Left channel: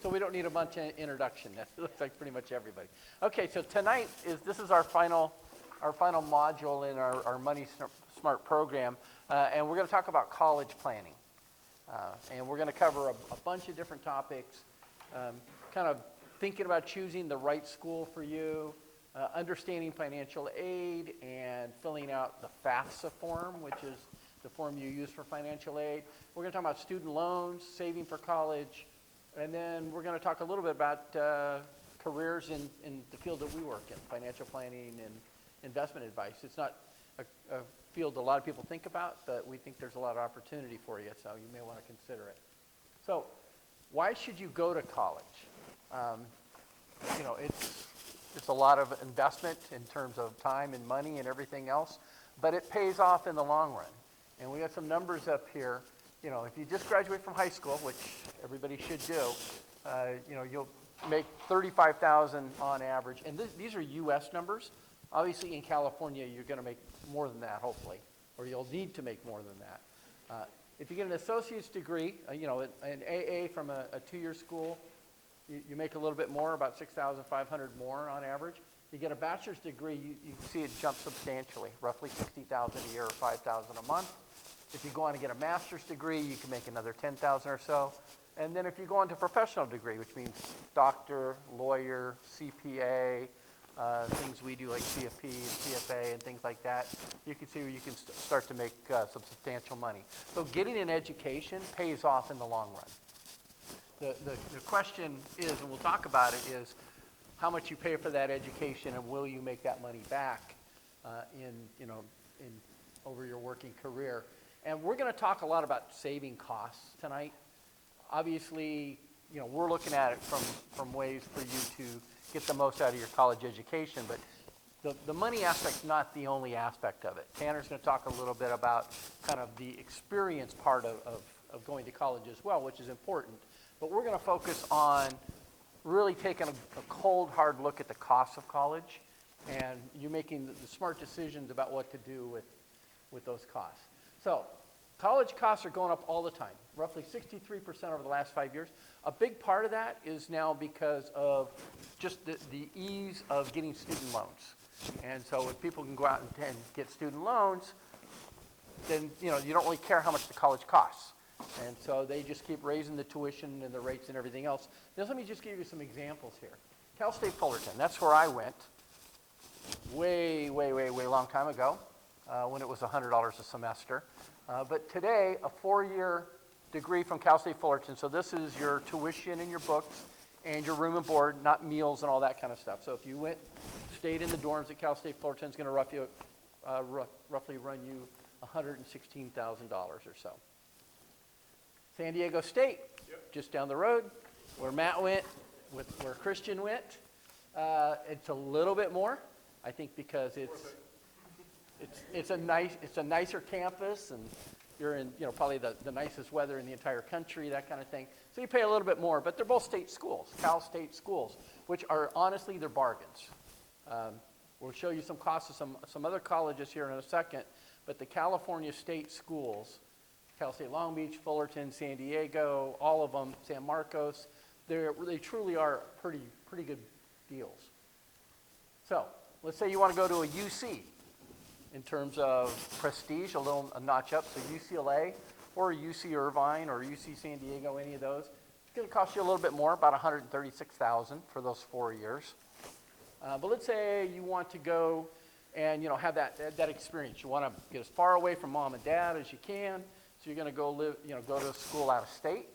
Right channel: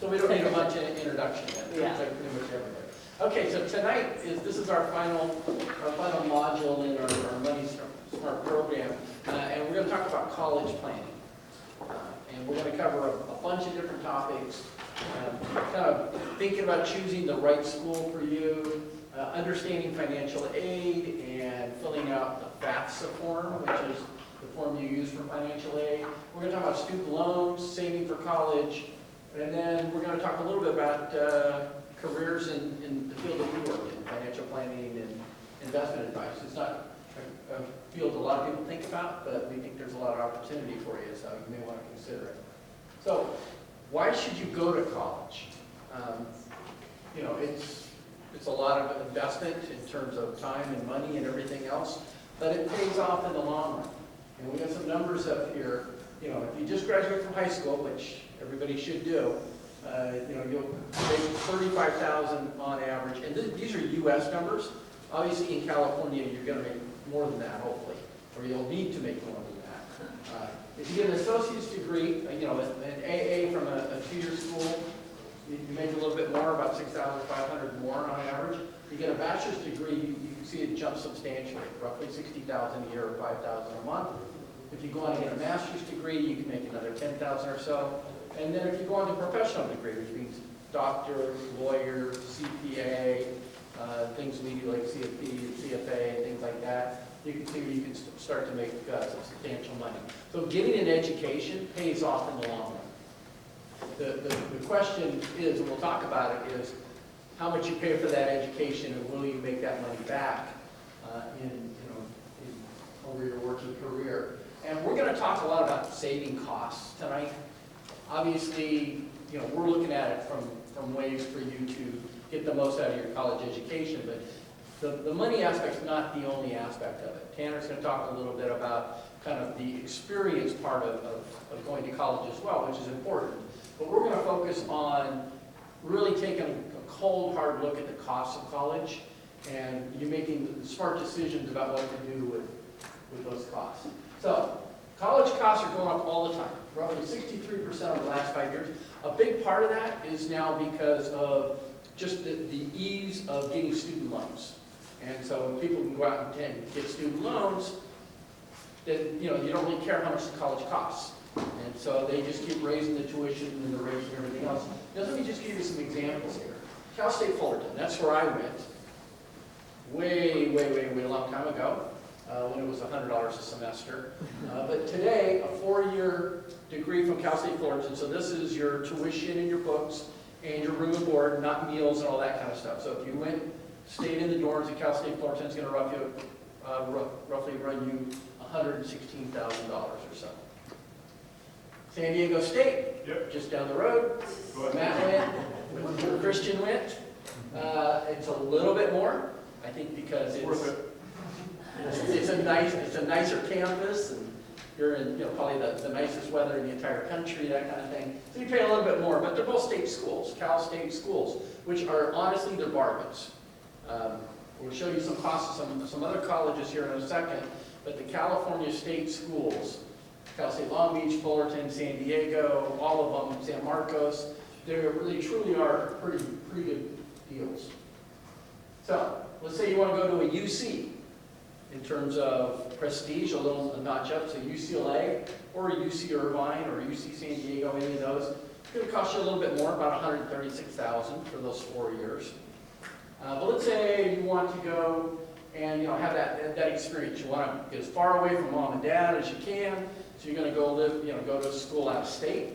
So we don't need a much introduction yet. Yeah. Looks like pretty much everybody. Okay, so tonight this is our final module in our Money Smart program, and we're going to talk about college planning. And we're going to cover a bunch of different topics, kind of thinking about choosing the right school for you, understanding financial aid, and filling out the FAFSA form, which is the form you use for financial aid. We're going to talk about student loans, saving for college, and then we're going to talk a little bit about careers in the field that we work in, financial planning and investment advice. It's not a field a lot of people think about, but we think there's a lot of opportunity for you, so you may want to consider it. So, why should you go to college? You know, it's a lot of investment in terms of time and money and everything else, but it pays off in the long run. And we got some numbers up here. You know, if you just graduate from high school, which everybody should do, you know, you'll make $35,000 on average, and these are U.S. numbers. Obviously, in California, you're going to make more than that, hopefully, or you'll need to make more than that. If you get an associate's degree, you know, an AA from a two-year school, you make a little bit more, about $6,500 more on average. You get a bachelor's degree, you can see it jump substantially, roughly $60,000 a year or $5,000 a month. If you go on to get a master's degree, you can make another $10,000 or so. And then if you go on to a professional degree, which means doctor, lawyer, CPA, things we do like CFP, CFA, things like that, you can see you can start to make substantial money. So getting an education pays off in the long run. The question is, and we'll talk about it, is how much you pay for that education and will you make that money back over your working career. And we're going to talk a lot about saving costs tonight. Obviously, you know, we're looking at it from ways for you to get the most out of your college education, but the money aspect is not the only aspect of it. Tanner's going to talk a little bit about kind of the experience part of going to college as well, which is important. But we're going to focus on really taking a cold, hard look at the costs of college and you making smart decisions about what to do with those costs. So, college costs are going up all the time, roughly 63% over the last 5 years. A big part of that is now because of just the ease of getting student loans. And so if people can go out and get student loans, then you know you don't really care how much the college costs. And so they just keep raising the tuition and the rates and everything else. Now let me just give you some examples here. Cal State Fullerton, that's where I went way a long time ago when it was $100 a semester. But today, a 4-year degree from Cal State Fullerton, so this is your tuition and your books and your room and board, not meals and all that kind of stuff. So if you stayed in the dorms at Cal State Fullerton, it's going to roughly run you $116,000 or so. San Diego State, just down the road. Matt went, Christian went. It's a little bit more, I think, because it's a nicer campus, and you're in probably the nicest weather in the entire country, that kind of thing. So you pay a little bit more, but they're both state schools, Cal State schools, which are honestly they're bargains. We'll show you some costs of some other colleges here in a second, but the California state schools, Cal State Long Beach, Fullerton, San Diego, all of them, San Marcos, they truly are pretty good deals. So let's say you want to go to a UC in terms of prestige, a notch up, so UCLA or UC Irvine or UC San Diego, any of those. It's going to cost you a little bit more, about $136,000 for those 4 years. But let's say you want to go and have that experience. You want to get as far away from mom and dad as you can. So you're going to go to school out of state.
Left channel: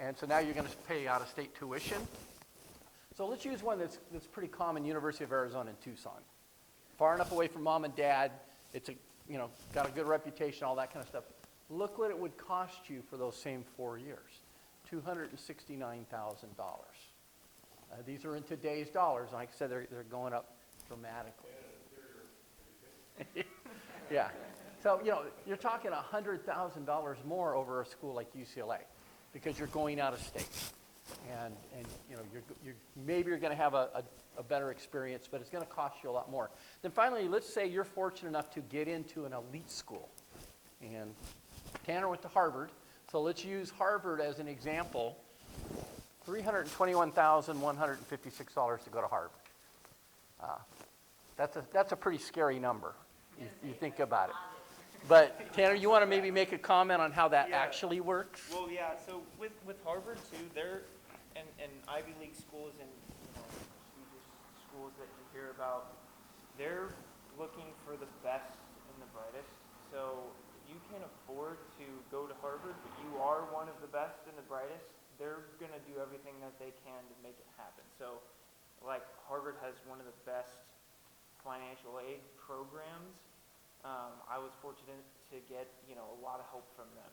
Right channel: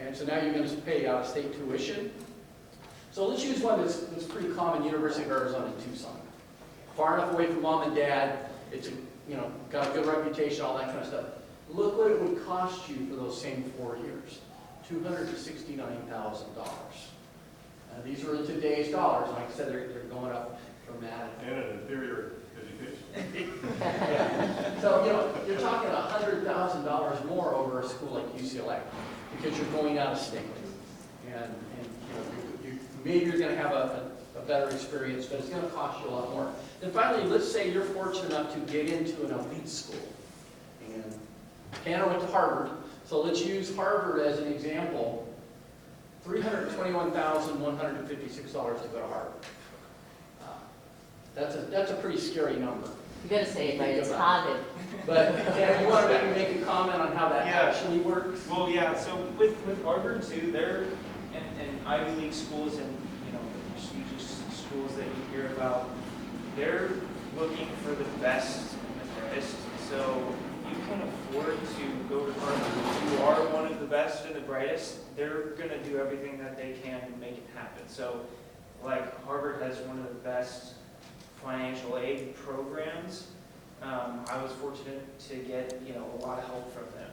And so now you're going to pay out of state tuition. So let's use one that's pretty common, University of Arizona in Tucson. Far enough away from mom and dad, it's got a good reputation, all that kind of stuff. Look what it would cost you for those same 4 years, $269,000. These are in today's dollars, and like I said, they're going up dramatically. And an inferior education. Yeah. So you're talking $100,000 more over a school like UCLA because you're going out of state, and maybe you're going to have a better experience, but it's going to cost you a lot more. And finally, let's say you're fortunate enough to get into an elite school. And Tanner went to Harvard, so let's use Harvard as an example. $321,156 to go to Harvard. That's a pretty scary number. You gotta say it right, Think it's about Harvard. But Tanner, you want to maybe make a comment on how that Yeah. actually works? Well, yeah, so with Harvard too, they're, and Ivy League schools and, you know, prestigious schools that you hear about, they're looking for the best and the brightest. So you can afford to go to Harvard. If you are one of the best and the brightest, they're gonna do everything that they can to make it happen. So, like, Harvard has one of the best financial aid programs. I was fortunate to get, you know, a lot of help from them.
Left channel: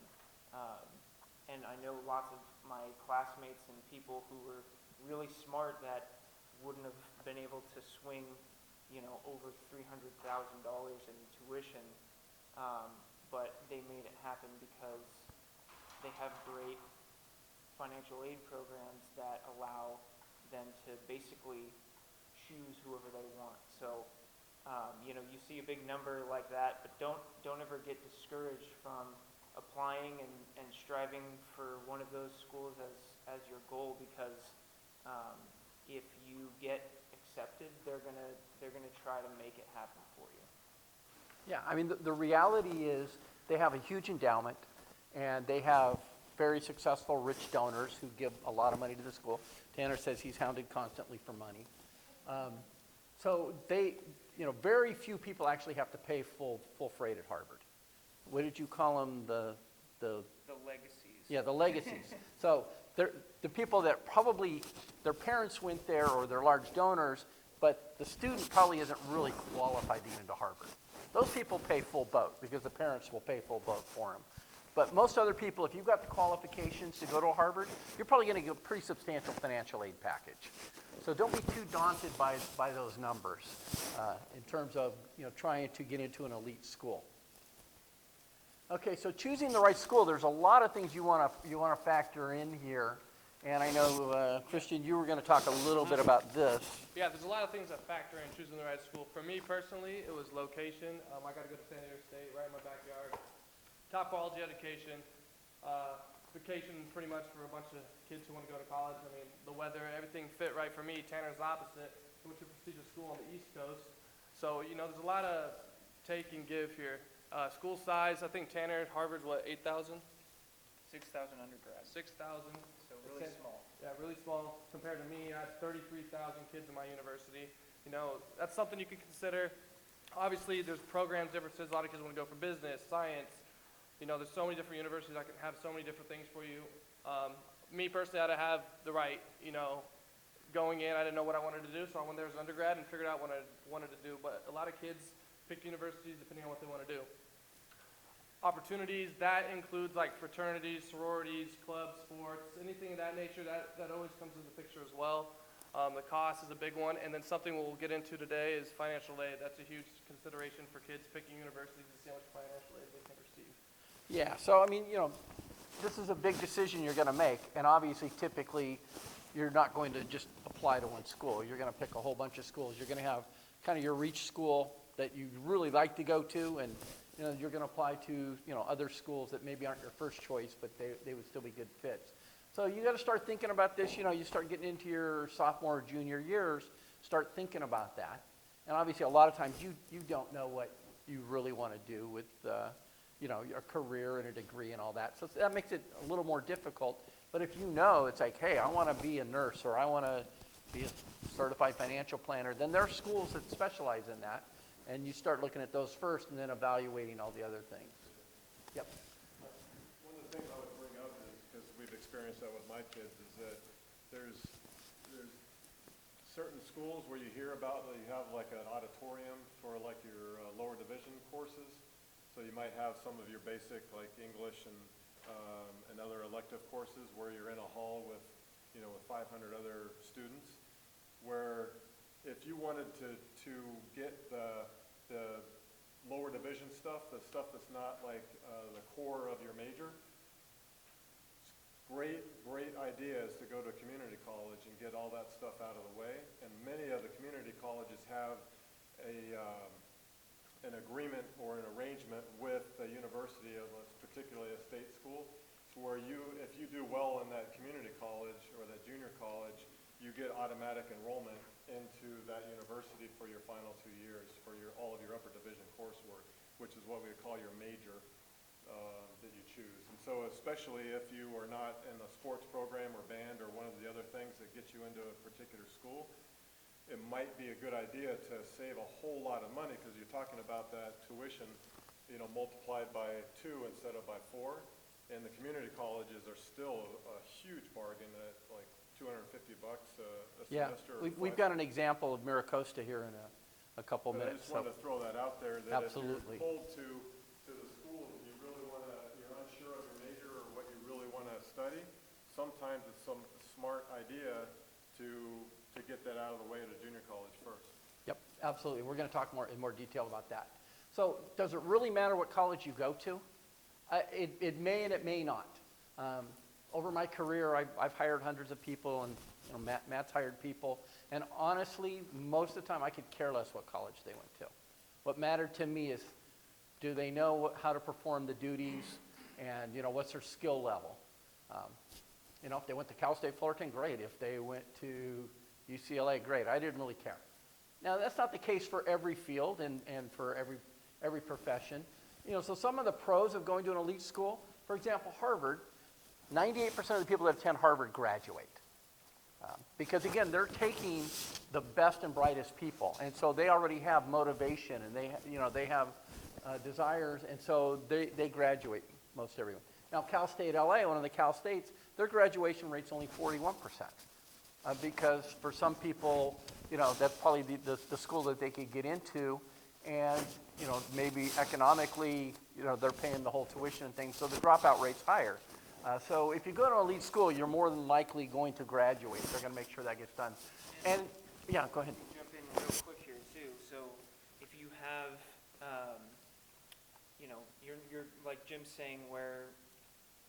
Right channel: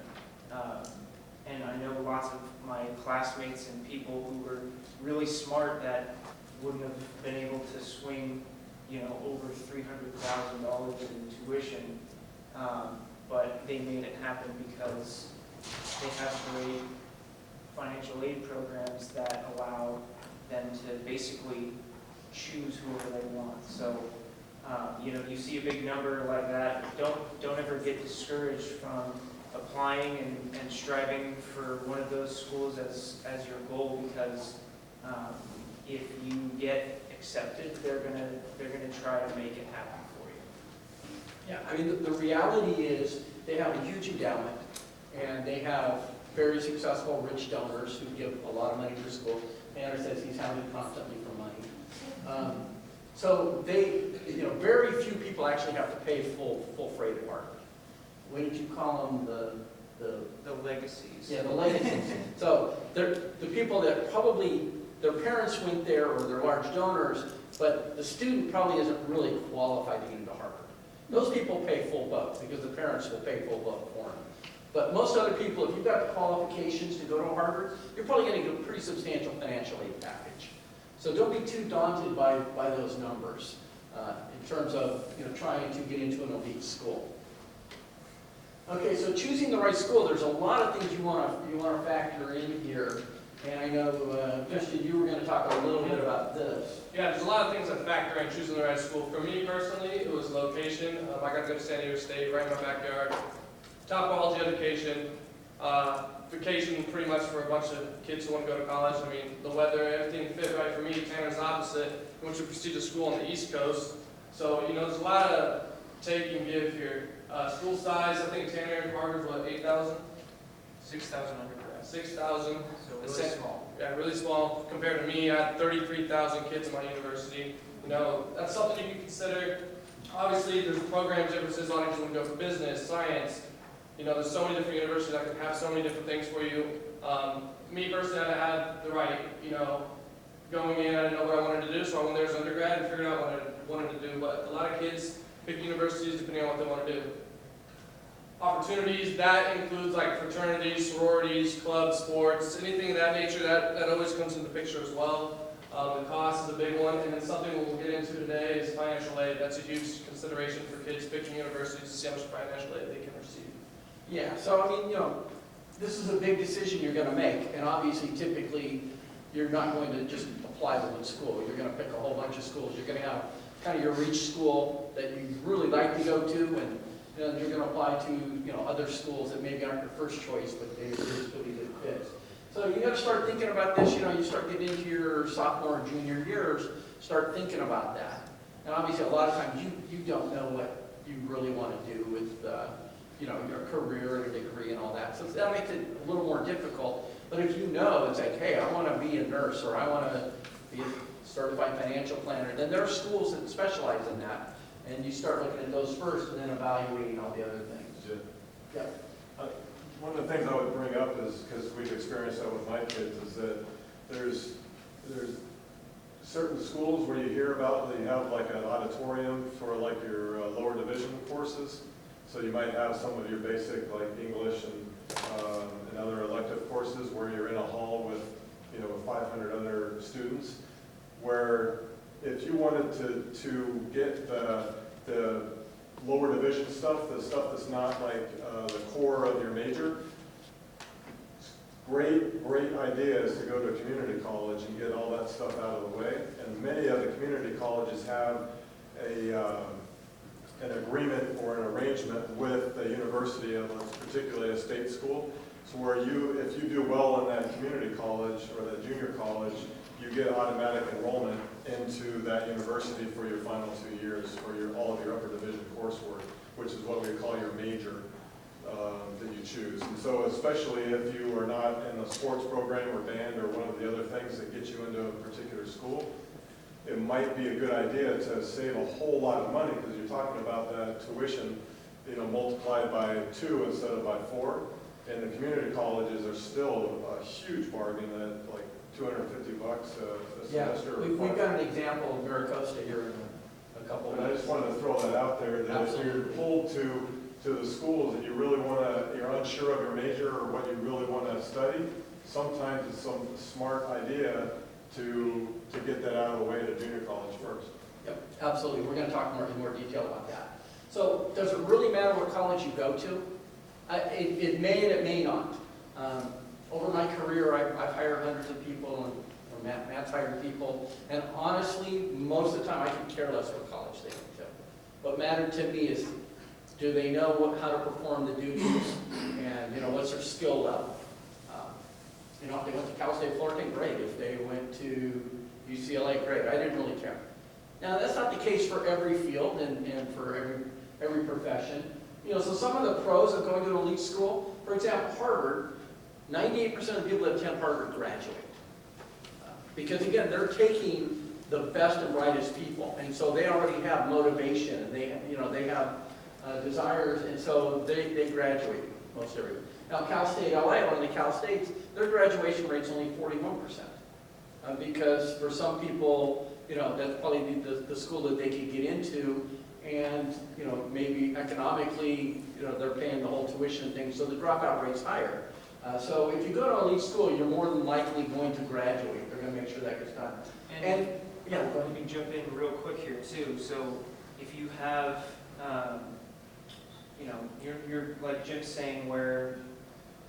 And I know lots of my classmates and people who were really smart that wouldn't have been able to swing, you know, over $300,000 in tuition. But they made it happen because they have great financial aid programs that allow them to basically choose whoever they want. So, you know, you see a big number like that, don't ever get discouraged from applying and striving for one of those schools as your goal, because if you get accepted, they're gonna try to make it happen for you. Yeah, I mean, the reality is they have a huge endowment, and they have very successful rich donors who give a lot of money to the school. Tanner says he's hounded constantly for money. So they, you know, very few people actually have to pay full freight at Harvard. What did you call them? The legacies. Yeah, the legacies. So they're the people that probably, their parents went there or they're large donors, but the student probably isn't really qualified to get into Harvard. Those people pay full boat because the parents will pay full boat for them. But most other people, if you've got the qualifications to go to Harvard, you're probably getting a pretty substantial financial aid package. So don't be too daunted by those numbers in terms of, you know, trying to get into an elite school. Okay, so choosing the right school, there's a lot of things you want to factor in here. And I know, Christian, you were going to talk a little bit about this. Yeah, there's a lot of things that factor in choosing the right school. For me personally, it was location. I got to go to C.U.S.D, right in my backyard. Top quality education. Vacation pretty much for a bunch of kids who want to go to college. I mean, the weather, everything fit right for me. Tanner's opposite. He went to a prestigious school on the East Coast. So, you know, there's a lot of take and give here. School size, I think Tanner and Harvard's what, 8,000? 6,000 undergrads. 6,000. So really small. Yeah, really small compared to me. I had 33,000 kids in my university. You know, that's something you can consider. Obviously, there's programs, differences. A lot of kids want to go for business, science. You know, there's so many different universities that can have so many different things for you. Me personally, I had the right, you know, going in, I didn't know what I wanted to do, so I went there as an undergrad and figured out what I wanted to do. But a lot of kids pick universities depending on what they want to do. Opportunities, that includes like fraternities, sororities, clubs, sports, anything of that nature, that always comes into the picture as well. The cost is a big one, and then something we'll get into today is financial aid. That's a huge consideration for kids picking universities to see how much financial aid they can receive. Yeah, so I mean, you know, this is a big decision you're going to make, and obviously, typically, you're not going to just apply to one school. You're going to pick a whole bunch of schools. You're going to have kind of your reach school that you really like to go to, and then you're going to apply to, you know, other schools that maybe aren't your first choice, but they're really good fits. So you got to start thinking about this. You know, you start getting into your sophomore, junior years, start thinking about that. And obviously, a lot of times you don't know what you really want to do with, you know, your career and a degree and all that. So that makes it a little more difficult. But if you know, it's like, hey, I want to be a nurse or I want to be a certified financial planner, then there are schools that specialize in that. And you start looking at those first and then evaluating all the other things. Yeah. One of the things I would bring up is, because we've experienced that with my kids, is that there's certain schools where you hear about, they have like an auditorium for like your lower division courses. So you might have some of your basic like English and other elective courses where you're in a hall with, you know, 500 other students, where if you wanted to get the lower division stuff, the stuff that's not like the core of your major, great idea is to go to a community college and get all that stuff out of the way. And many of the community colleges have an agreement or an arrangement with the university, particularly a state school, so where if you do well in that community college or that junior college, you get automatic enrollment into that university for your final 2 years for all of your upper division coursework, which is what we call your major that you choose. And so especially if you are not in a sports program or band or one of the other things that get you into a particular school, it might be a good idea to save a whole lot of money, because you're talking about that tuition, multiplied by 2 instead of by 4. And the community colleges are still a huge bargain at like $250 a Yeah, semester. we've got an example of Maricosta here in a couple of But I minutes. just wanted to throw that out there, that if you're Absolutely. pulled to the schools and you're unsure of your major or what you really want to study, sometimes it's some smart idea to get that out of the way to junior college first. Yep, absolutely. We're going to talk in more detail about that. So does it really matter what college you go to? It may and it may not. Over my career, I've hired hundreds of people, and Matt's hired people, and honestly, most of the time, I could care less what college they went to. What mattered to me is, do they know how to perform the duties, and what's their skill level? If they went to Cal State Fullerton, great. If they went to UCLA, great. I didn't really care. Now, that's not the case for every field and for every profession. So some of the pros of going to an elite school, for example, Harvard, 98% of the people that attend Harvard graduate. Because again, they're taking the best and brightest people, and so they already have motivation, and they have desires, and so they graduate most everyone. Now, Cal State LA, one of the Cal States, their graduation rate's only 41%. Because for some people, that's probably the school that they could get into, and maybe economically, they're paying the whole tuition and things, so the dropout rate's higher. So if you go to an elite school, you're more than likely going to graduate. They're going to make sure that gets done. And yeah, go ahead. Let me jump in real quick here too. So if you have, you're like Jim's saying, where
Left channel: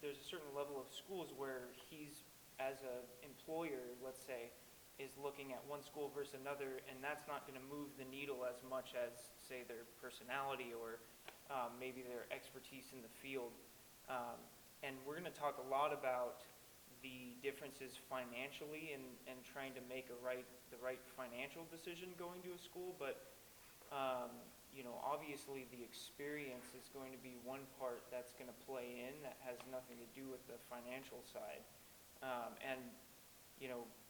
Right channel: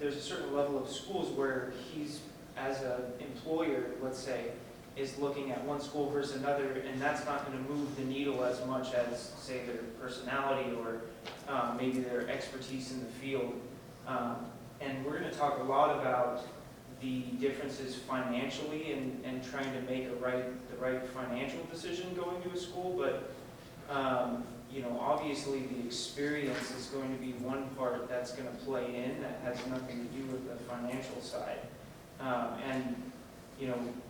there's a certain level of schools where he's, as an employer, let's say, is looking at one school versus another, and that's not going to move the needle as much as, say, their personality or maybe their expertise in the field. And we're going to talk a lot about the differences financially and trying to make the right financial decision going to a school, but obviously the experience is going to be one part that's going to play in that has nothing to do with the financial side. And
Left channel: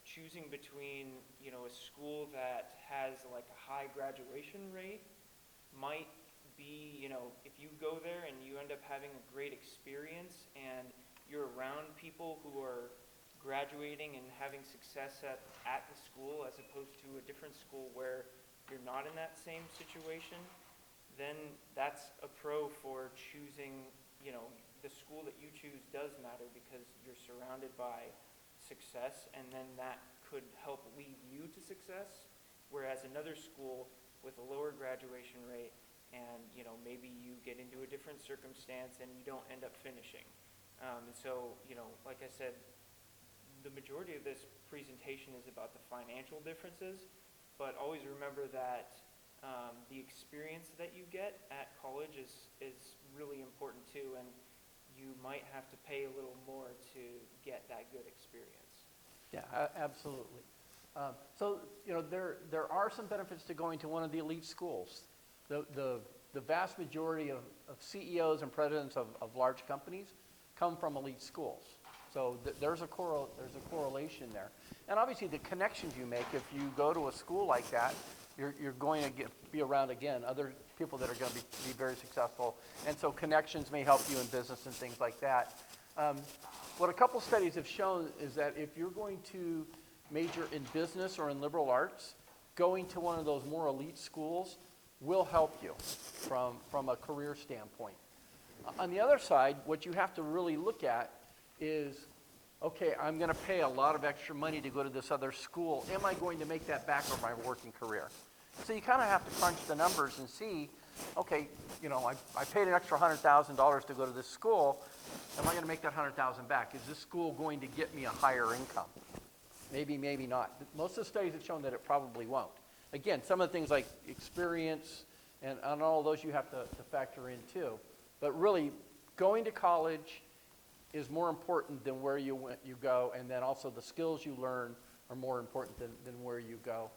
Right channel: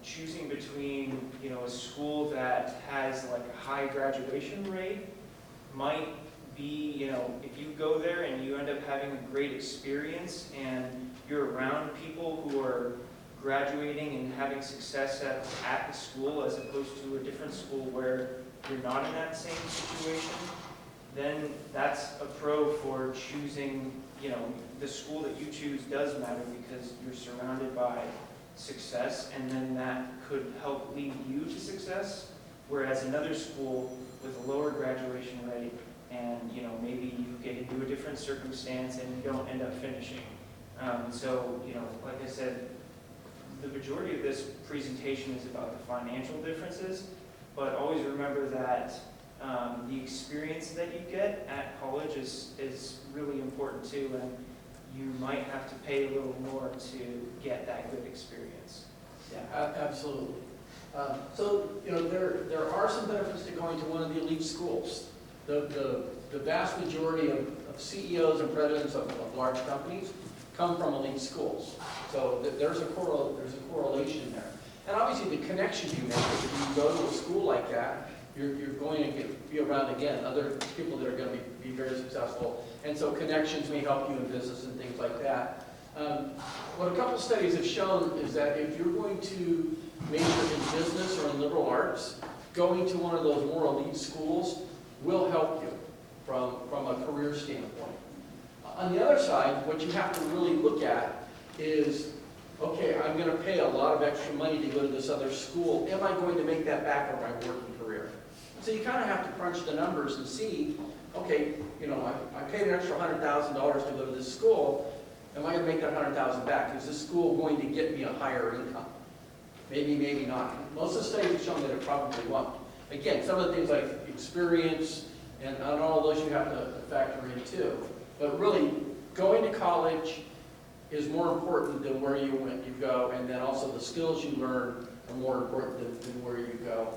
choosing between a school that has like a high graduation rate might be, if you go there and you end up having a great experience and you're around people who are graduating and having success at the school as opposed to a different school where you're not in that same situation, then that's a pro for choosing, the school that you choose does matter because you're surrounded by success, and then that could help lead you to success, whereas another school with a lower graduation rate and maybe you get into a different circumstance and you don't end up finishing. So like I said, the majority of this presentation is about the financial differences, but always remember that the experience that you get at college is really important too, and you might have to pay a little more to get that good experience. Yeah, absolutely. So there are some benefits to going to one of the elite schools. The vast majority of CEOs and presidents of large companies come from elite schools. So there's a correlation there. And obviously the connections you make, if you go to a school like that, you're going to be around, again, other people that are going to be very successful. And so connections may help you in business and things like that. What a couple studies have shown is that if you're going to major in business or in liberal arts, going to one of those more elite schools will help you from a career standpoint. On the other side, what you have to really look at is, okay, I'm going to pay a lot of extra money to go to this other school. Am I going to make that back for my working career? So you kind of have to crunch the numbers and see, okay, I paid an extra $100,000 to go to this school. Am I going to make that $100,000 back? Is this school going to get me a higher income? Maybe, maybe not. Most of the studies have shown that it probably won't. Again, some of the things like experience and all those you have to factor in too. But really, going to college is more important than where you go, and then also the skills you learn are more important than where you go.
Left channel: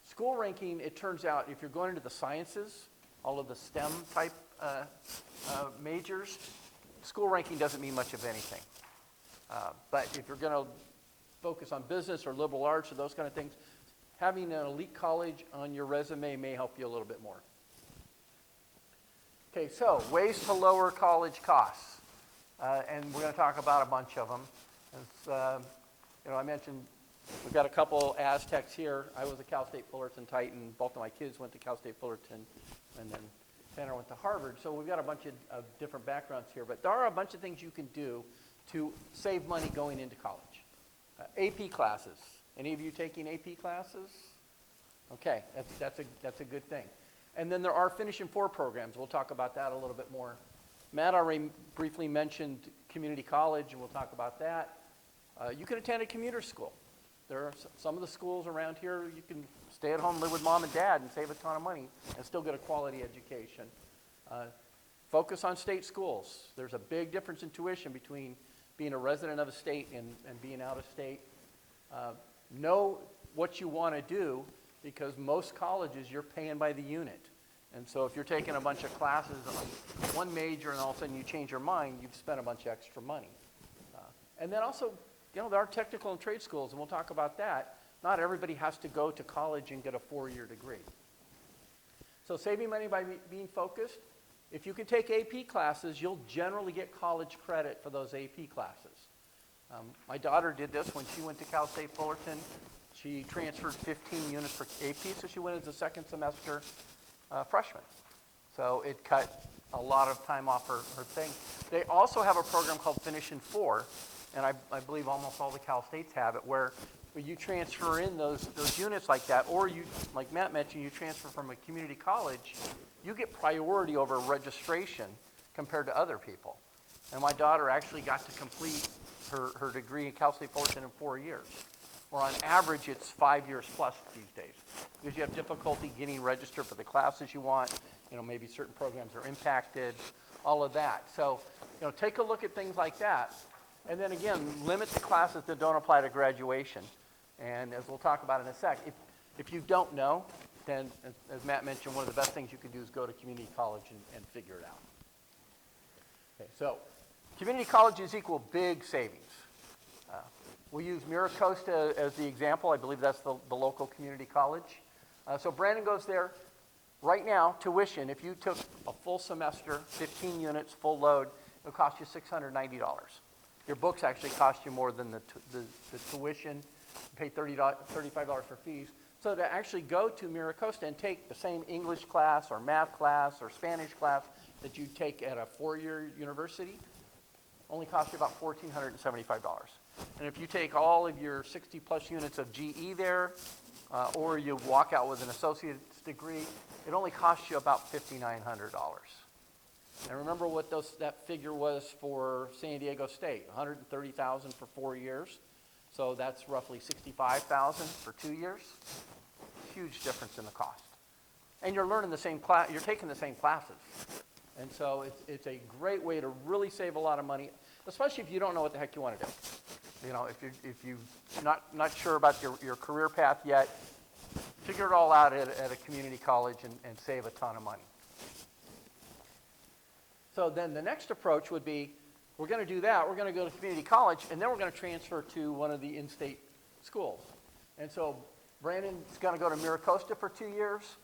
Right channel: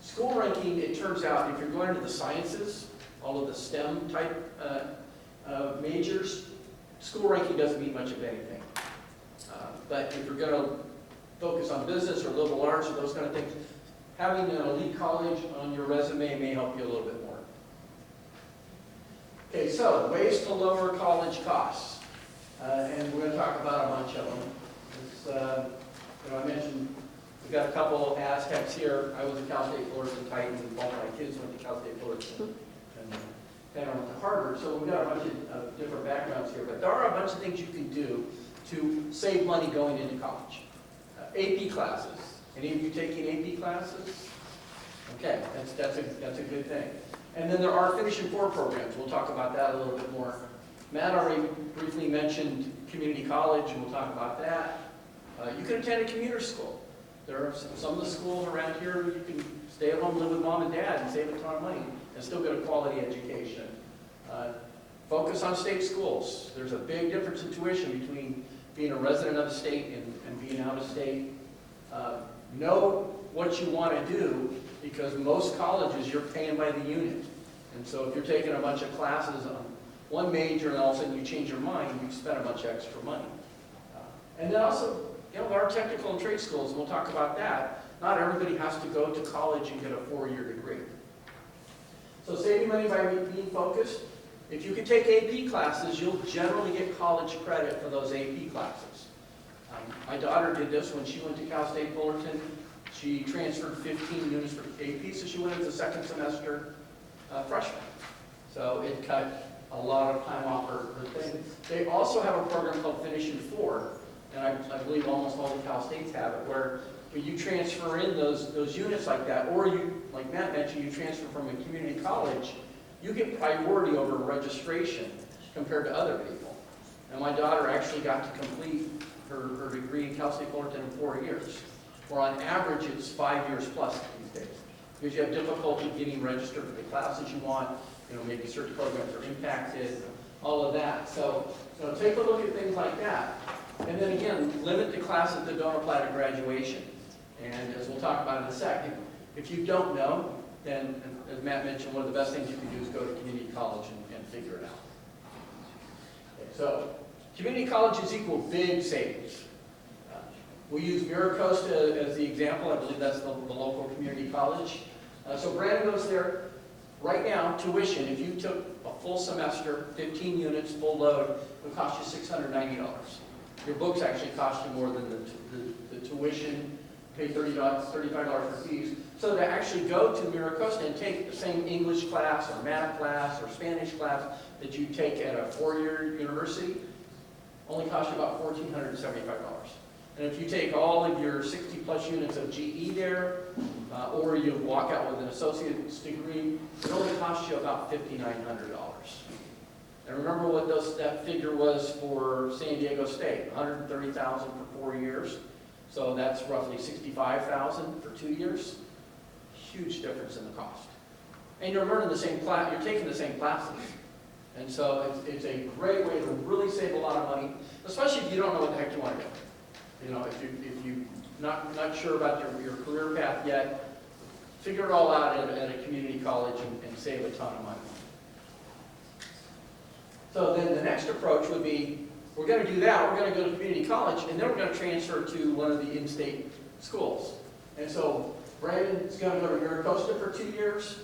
School ranking, it turns out, if you're going into the sciences, all of the STEM type majors, school ranking doesn't mean much of anything. But if you're going to focus on business or liberal arts or those kind of things, having an elite college on your resume may help you a little bit more. Okay, so ways to lower college costs. And we're going to talk about a bunch of them. I mentioned we've got a couple Aztecs here. I was a Cal State Fullerton Titan. Both my kids went to Cal State Fullerton, and Tanner went to Harvard. So we've got a bunch of different backgrounds here. But there are a bunch of things you can do to save money going into college. AP classes. Any of you taking AP classes? Okay, that's a good thing. And then there are Finishing Four programs. We'll talk about that a little bit more. Matt already briefly mentioned community college, and we'll talk about that. You can attend a commuter school. There are some of the schools around here you can stay at home, live with mom and dad, and save a ton of money and still get a quality education. Focus on state schools. There's a big difference in tuition between being a resident of a state and being out of state. Know what you want to do, because most colleges you're paying by the unit. And so if you're taking a bunch of classes on one major and all of a sudden you change your mind, you've spent a bunch of extra money. And then also, our technical and trade schools, and we'll talk about that. Not everybody has to go to college and get a 4-year degree. So saving money by being focused. If you can take AP classes, you'll generally get college credit for those AP classes. My daughter did this when she went to Cal State Fullerton. She transferred 15 units for AP, so she went as a second semester freshman. So it cut a lot of time off her thing. They also have a program called Finishing Four, and I believe almost all the Cal States have it, where you transfer in those units like that, or you, like Matt mentioned, you transfer from a community college, you get priority over registration compared to other people. And my daughter actually got to complete her degree at Cal State Fullerton in 4 years, where on average it's 5 years plus these days. Because you have difficulty getting registered for the classes you want, maybe certain programs are impacted, all of that. So, take a look at things like that. And then again, limit the classes that don't apply to graduation. And as we'll talk about in a second, if you don't know, then, as Matt mentioned, one of the best things you can do is go to community college and figure it out. Okay, so, community colleges equal big savings. We use MiraCosta as the example. I believe that's the local community college. So Brandon goes there. Right now, tuition, if you took a full semester, 15 units, full load, it would cost you $690. Your books actually cost you more than the tuition, pay $35 for fees. So to actually go to MiraCosta and take the same English class or math class or Spanish class that you take at a 4-year university, only costs you about $1,475. And if you take all of your 60 plus units of GE there, or you walk out with an associate's degree, it only costs you about $5,900. And remember what that figure was for San Diego State, $130,000 for 4 years. So that's roughly $65,000 for 2 years. Huge difference in the cost. And you're learning the same class, you're taking the same classes. And so it's a great way to really save a lot of money, especially if you don't know what the heck you want to do. If you're not sure about your career path yet, figure it all out at a community college and save a ton of money. So then the next approach would be, we're going to do that, we're going to go to community college, and then we're going to transfer to one of the in-state schools. And so Brandon's going to go to MiraCosta for 2 years,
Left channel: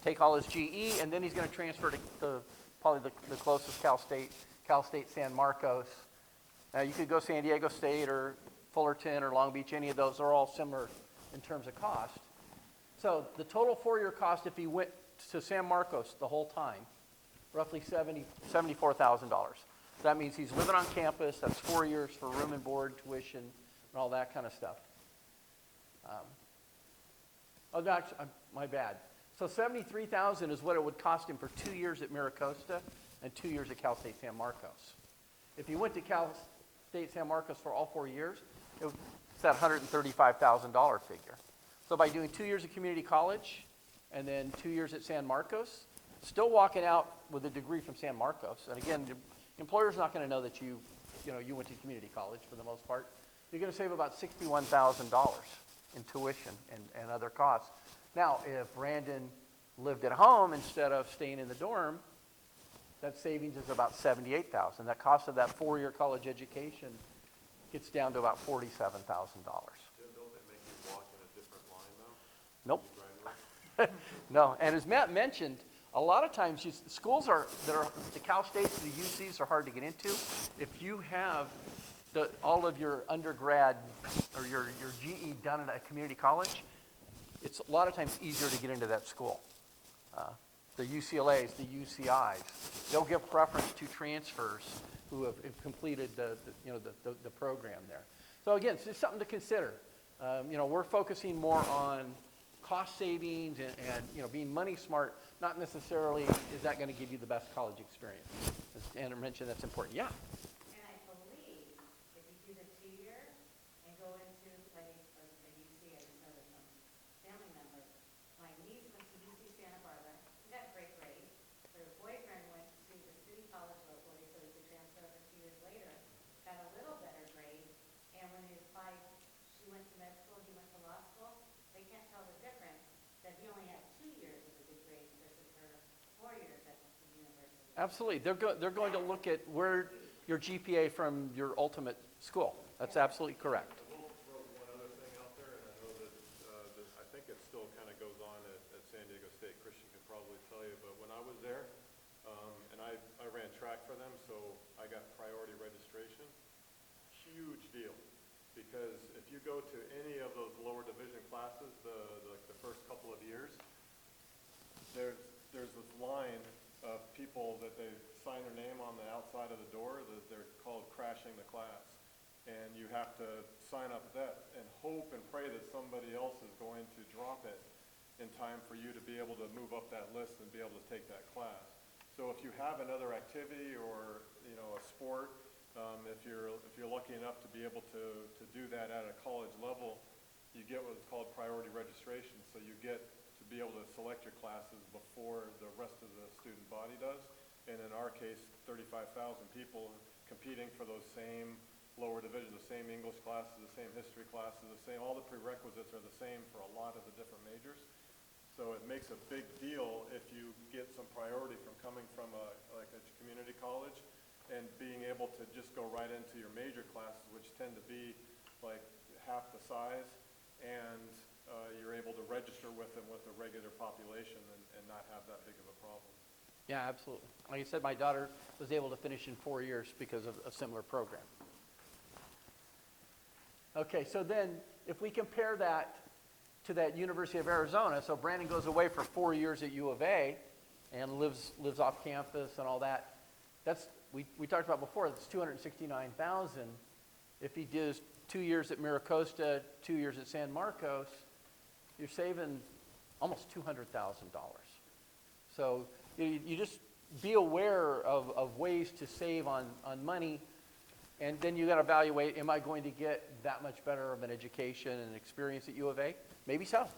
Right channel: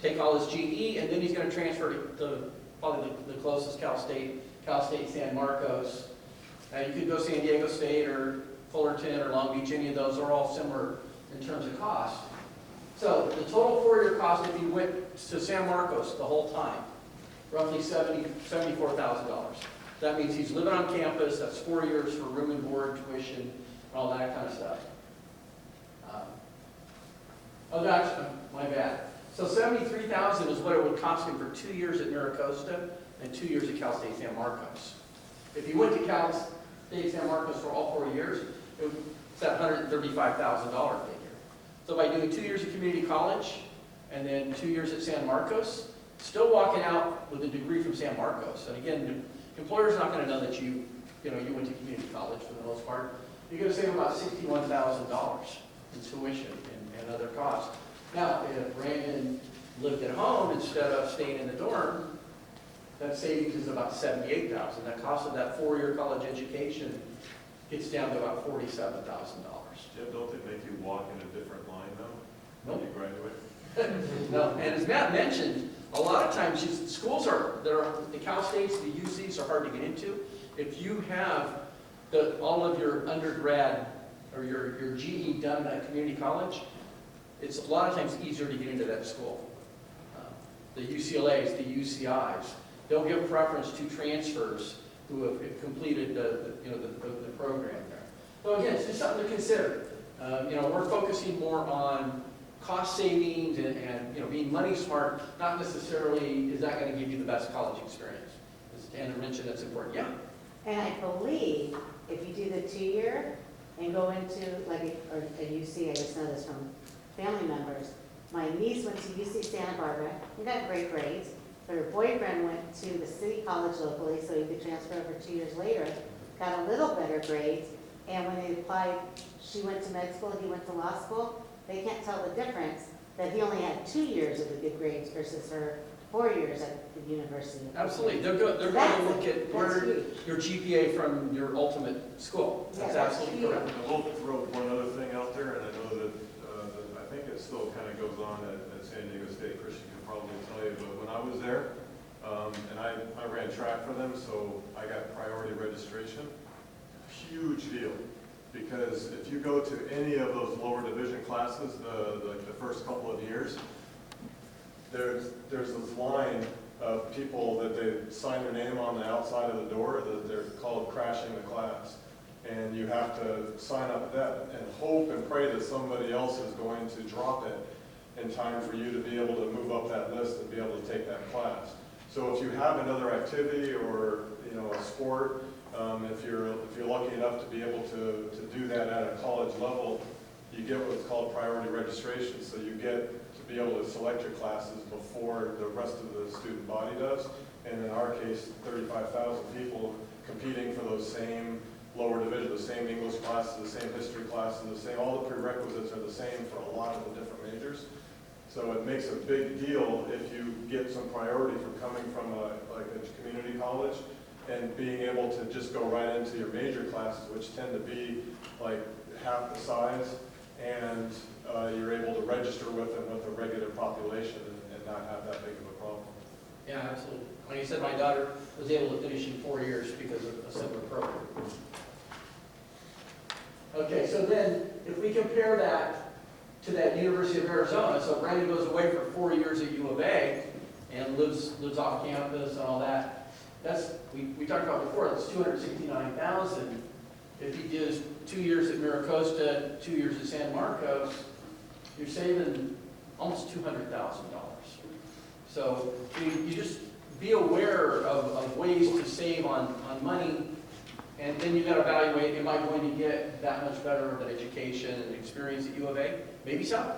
take all his GE, and then he's going to transfer to probably the closest Cal State San Marcos. You could go San Diego State or Fullerton or Long Beach, any of those are all similar in terms of cost. So the total 4-year cost if you went to San Marcos the whole time, roughly $74,000. That means he's living on campus, that's 4 years for room and board, tuition, and all that kind of stuff. Oh gosh, my bad. So $73,000 is what it would cost him for 2 years at MiraCosta and 2 years at Cal State San Marcos. If you went to Cal State San Marcos for all 4 years, it's that $135,000 figure. So by doing 2 years of community college and then 2 years at San Marcos, still walking out with a degree from San Marcos. And again, employer's not gonna know that you went to community college for the most part. You're gonna save about $61,000 in tuition and other costs. Now, if Brandon lived at home instead of staying in the dorm, that savings is about $78,000. That cost of that 4-year college education gets down to about $47,000. Jim, don't they make you walk in a different line though? Nope. When you graduate? No, and as Matt mentioned, a lot of times schools that are, the Cal States, the UCs are hard to get into. If you have all of your undergrad or your GE done at community college, it's a lot of times easier to get into that school. The UCLAs, the UCIs, they'll give preference to transfers who have completed the program there. So again, it's just something to consider. We're focusing more on cost savings and being money smart, not necessarily is that going to give you the best college experience. As Tanner mentioned, that's important. Yeah. And I believe if you do the 2-year and go into like a UC, I just know this from family members. My niece went to UC Santa Barbara, he got great grades, but her boyfriend went to the city college locally, so he could transfer over 2 years later, got a little better grades, and when they applied, she went to med school, he went to law school, they can't tell the difference, that he only had 2 years of the good grades versus her 4 years at the university. Absolutely. They're going to look at your GPA from your ultimate school. That's Yeah, absolutely huge. correct. And we'll throw one other thing out there, and I know that, I think it still kind of goes on at San Diego State. Christian can probably tell you, but when I was there, and I ran track for them, so I got priority registration. Huge deal, because if you go to any of those lower division classes, the first couple of years, there's this line of people that they sign their name on the outside of the door that they're called crashing the class. And you have to sign up that and hope and pray that somebody else is going to drop it in time for you to be able to move up that list and be able to take that class. So if you have another activity or a sport, if you're lucky enough to be able to do that at a college level, you get what's called priority registration. So you get to be able to select your classes before the rest of the student body does. And in our case, 35,000 people competing for those same lower division, the same English classes, the same history classes, all the prerequisites are the same for a lot of the different majors. So it makes a big deal if you get some priority from coming from a community college and being able to just go right into your major classes, which tend to be like half the size, and you're able to register with them with the regular population and not have that big of a problem. Yeah, absolutely. Like you said, my daughter was able to finish in 4 years because of a similar program. Okay, so then if we compare that to that University of Arizona, so Brandon goes away for 4 years at U of A and lives off campus and all that. That's we talked about before. That's $269,000. If he does 2 years at Miracosta, 2 years at San Marcos, you're saving almost $200,000. So you just be aware of ways to save on money, and then you got to evaluate: am I going to get that much better of an education and experience at U of A? Maybe so.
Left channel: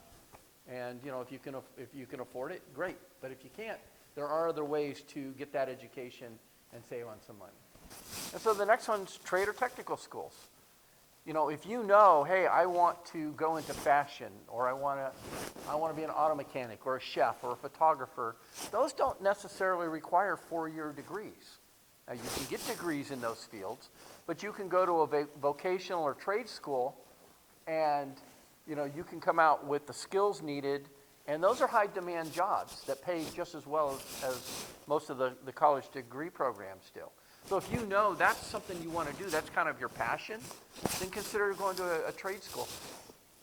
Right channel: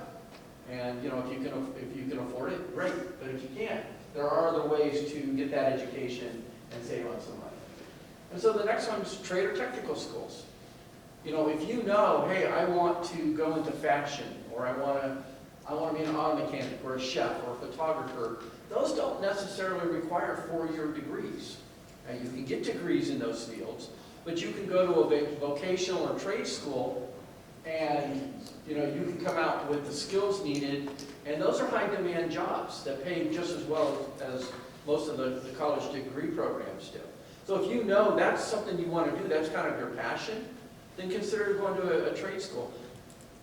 And if you can afford it, great. But if you can't, there are other ways to get that education and save on some money. And so the next one is trade or technical schools. If you know, hey, I want to go into fashion, or I want to be an auto mechanic, or a chef, or a photographer, those don't necessarily require 4-year degrees. And you can get degrees in those fields, but you can go to a vocational or trade school, and you can come out with the skills needed, and those are high demand jobs that pay just as well as most of the college degree programs do. So if you know that's something you want to do, that's kind of your passion, then consider going to a trade school.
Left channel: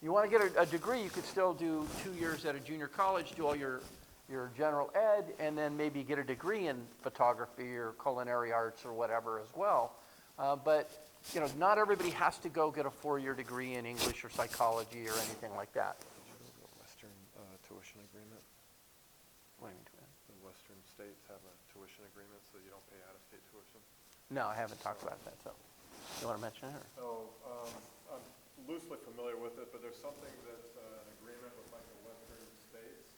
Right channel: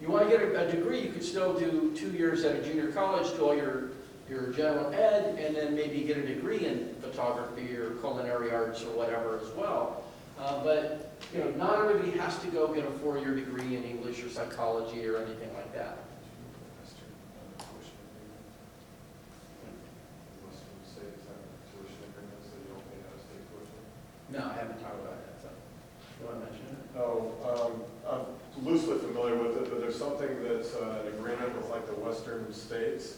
You want to get a degree, you can still do 2 years at a junior college, do all your general ed, and then maybe get a degree in photography or culinary arts or whatever as well. But not everybody has to go get a 4-year degree in English or psychology or anything like that. Western tuition agreement. Western states have a tuition agreement, so you don't pay out-of-state tuition. No, I haven't talked about that. So, do you want to mention it? No, I'm loosely familiar with it, but there's something that's an agreement with like the western states